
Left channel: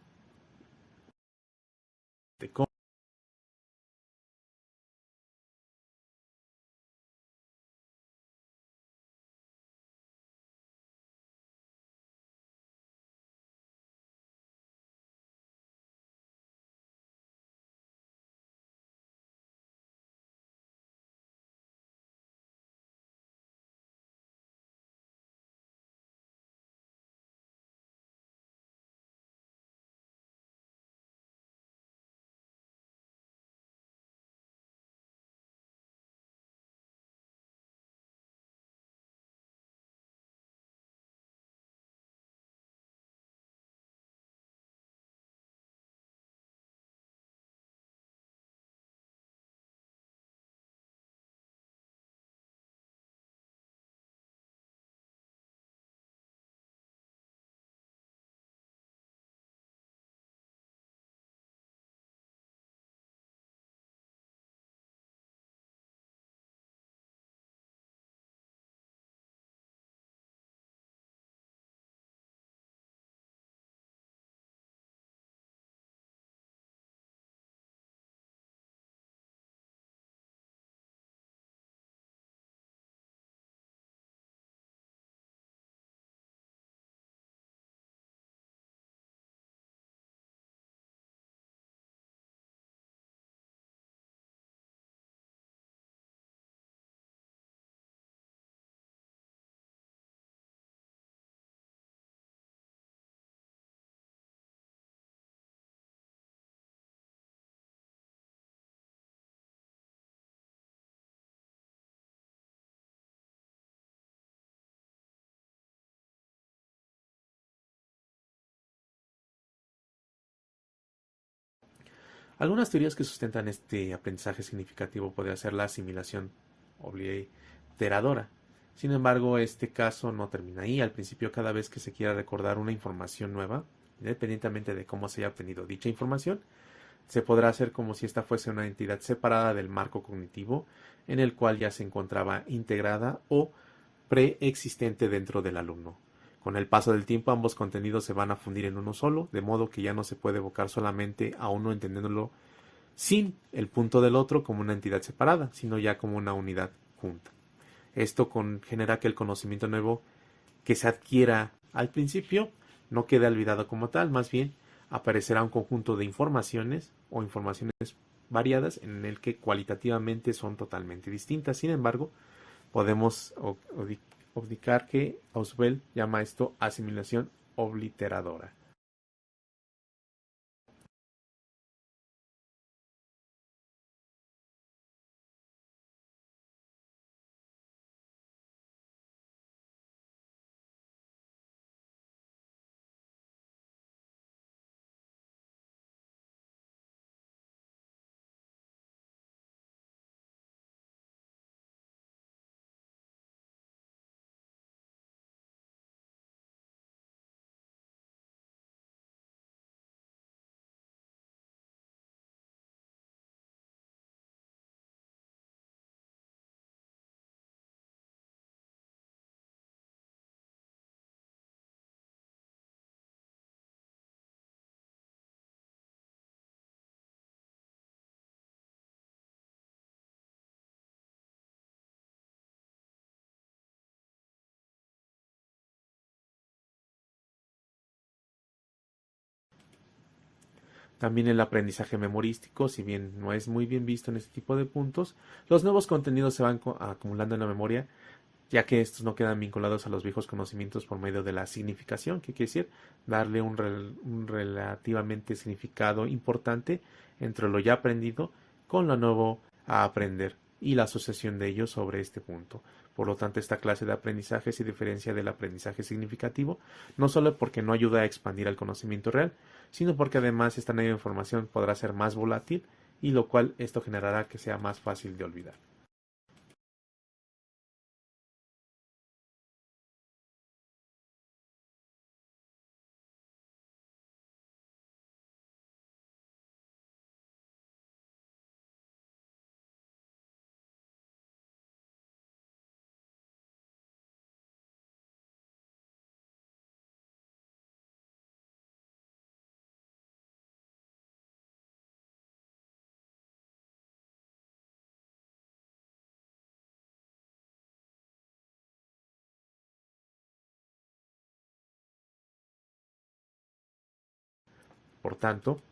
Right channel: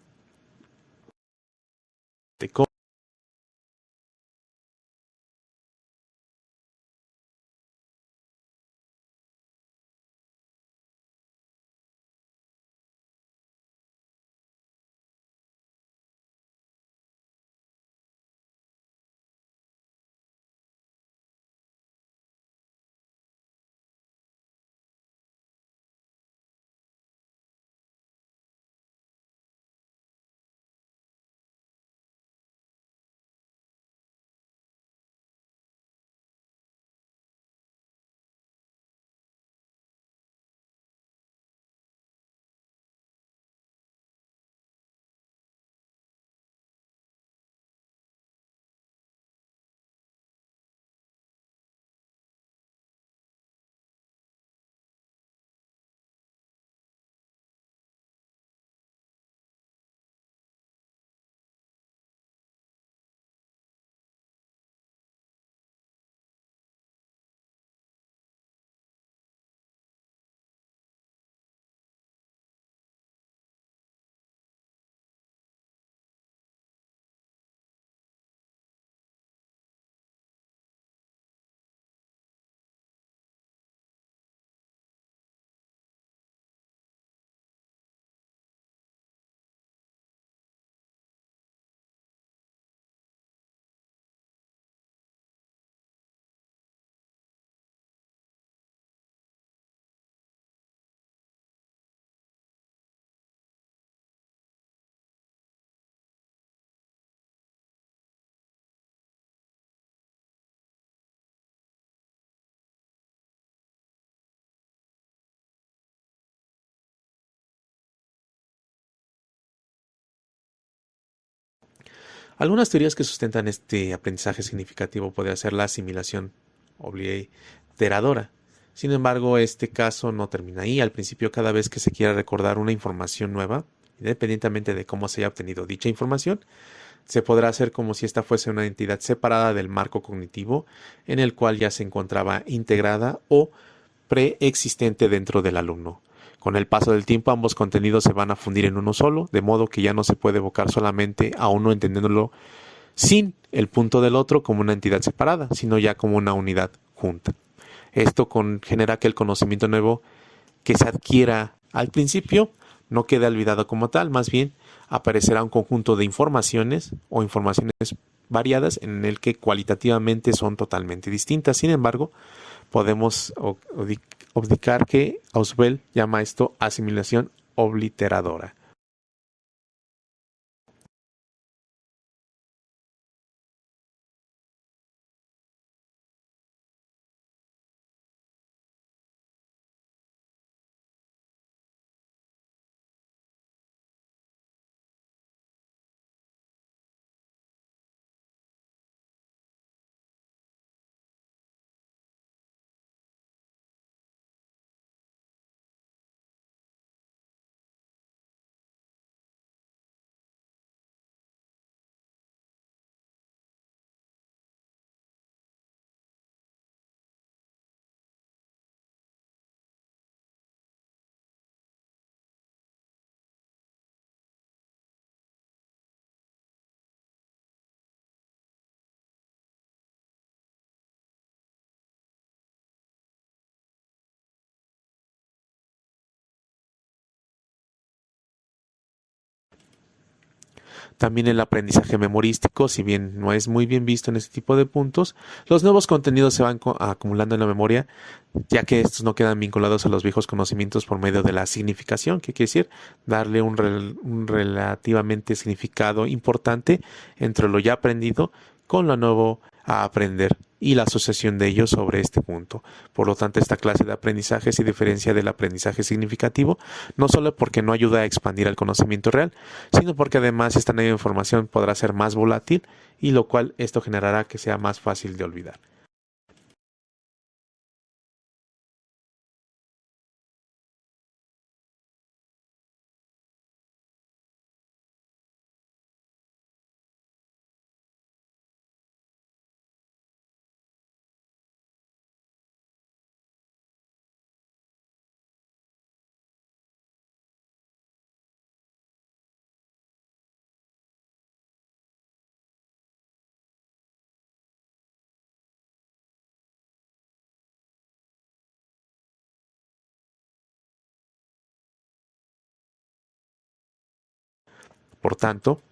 Algunas teorías que sustentan este aprendizaje significativo puede ser la asimilación obliteradora. Sin embargo, este caso no termina ahí. Al principio, cada vez que se quiera recordar una información nueva, independientemente de cómo se haya obtenido dicha información, se podrá hacer como si esta fuese una entidad separada del marco cognitivo en el cual ya se encontraba integrada o preexistente dentro del alumno. Con el paso del tiempo, ambos contenidos se van a fundir en uno solo, de modo que ya no se puede evocar solamente a uno entendiéndolo sin el punto del otro como una entidad separada, sino ya como una unidad junta. Esto genera que el conocimiento nuevo que se adquiera al principio no quede olvidado como tal, más bien aparecerá un conjunto de informaciones o informaciones variadas en el que cualitativamente son totalmente distintas. Sin embargo, podemos obdicar que Ausubel llama esto asimilación obliteradora. También el aprendizaje memorístico, si bien no es muy bien visto en este tipo de puntos, los nuevos contenidos se van acumulando en la memoria, ya que estos no quedan vinculados a los viejos conocimientos por medio de la significación, que quiere decir darle un relativamente significado importante entre lo ya aprendido con lo nuevo a aprender. y la asociación de ellos sobre este punto. Por lo tanto, esta clase de aprendizaje se diferencia del aprendizaje significativo, no solo porque no ayuda a expandir el conocimiento real, sino porque además esta nueva información podrá ser más volátil y lo cual esto generará que sea más fácil de olvidar. Por tanto,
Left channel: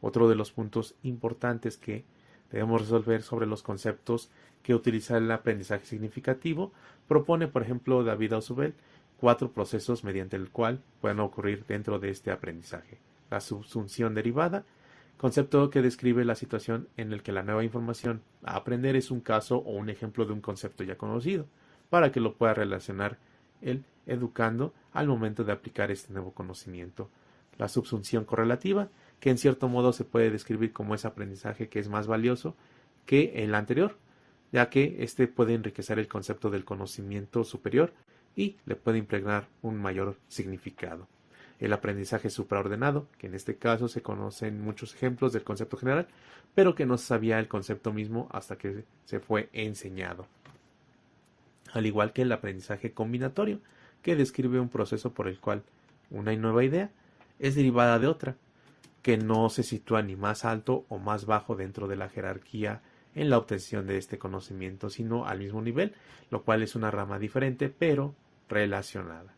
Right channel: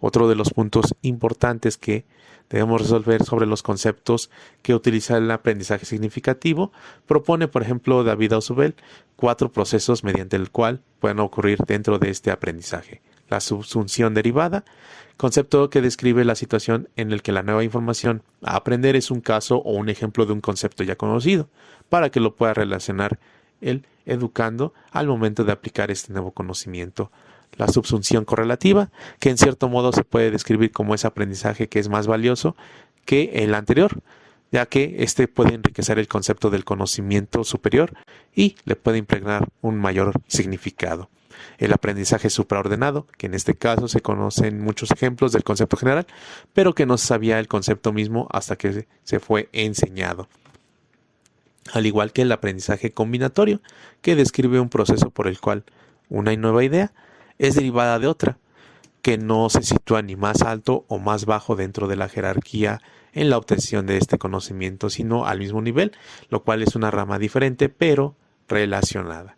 otro de los puntos importantes que debemos resolver sobre los conceptos que utiliza el aprendizaje significativo propone, por ejemplo, David Ausubel, 4 procesos mediante el cual pueden ocurrir dentro de este aprendizaje. La subsunción derivada, concepto que describe la situación en la que la nueva información a aprender es un caso o un ejemplo de un concepto ya conocido, para que lo pueda relacionar el educando al momento de aplicar este nuevo conocimiento. La subsunción correlativa, que en cierto modo se puede describir como ese aprendizaje que es más valioso que el anterior, ya que éste puede enriquecer el concepto del conocimiento superior y le puede impregnar un mayor significado. El aprendizaje supraordenado, que en este caso se conocen muchos ejemplos del concepto general, pero que no se sabía el concepto mismo hasta que se fue enseñado. Al igual que el aprendizaje combinatorio, que describe un proceso por el cual una nueva idea es derivada de otra, que no se sitúa ni más alto o más bajo dentro de la jerarquía en la obtención de este conocimiento, sino al mismo nivel, lo cual es una rama diferente pero relacionada.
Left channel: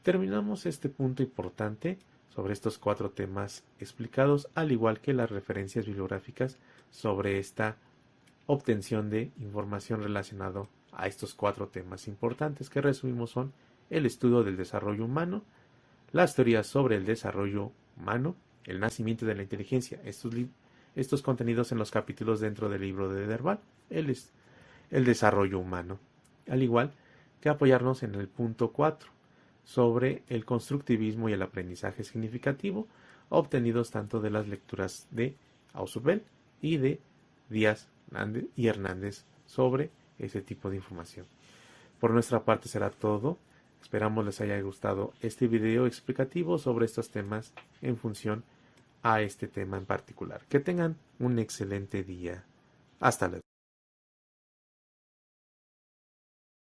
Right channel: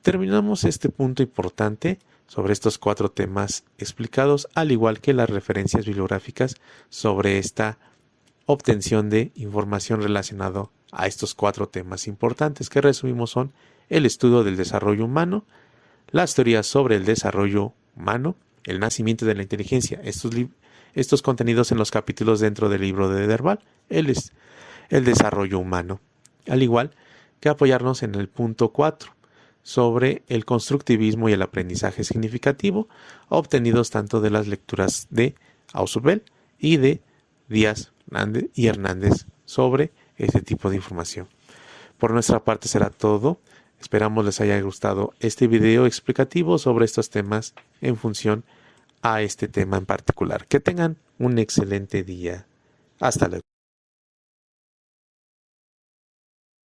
Terminamos este punto importante sobre estos 4 temas explicados, al igual que las referencias bibliográficas sobre esta obtención de información relacionada a estos 4 temas importantes que resumimos son el estudio del desarrollo humano, las teorías sobre el desarrollo humano, el nacimiento de la inteligencia, estos contenidos en los capítulos dentro del libro de Derbal, el desarrollo humano, al igual que apoyarnos en el punto 4 sobre el constructivismo y el aprendizaje significativo, obtenidos tanto de las lecturas de Ausubel y de Díaz y Hernández sobre este tipo de información. Por nuestra parte será todo. Esperamos les haya gustado este video explicativo sobre estos temas en función a este tema en particular. Que tengan un excelente día. Hasta luego.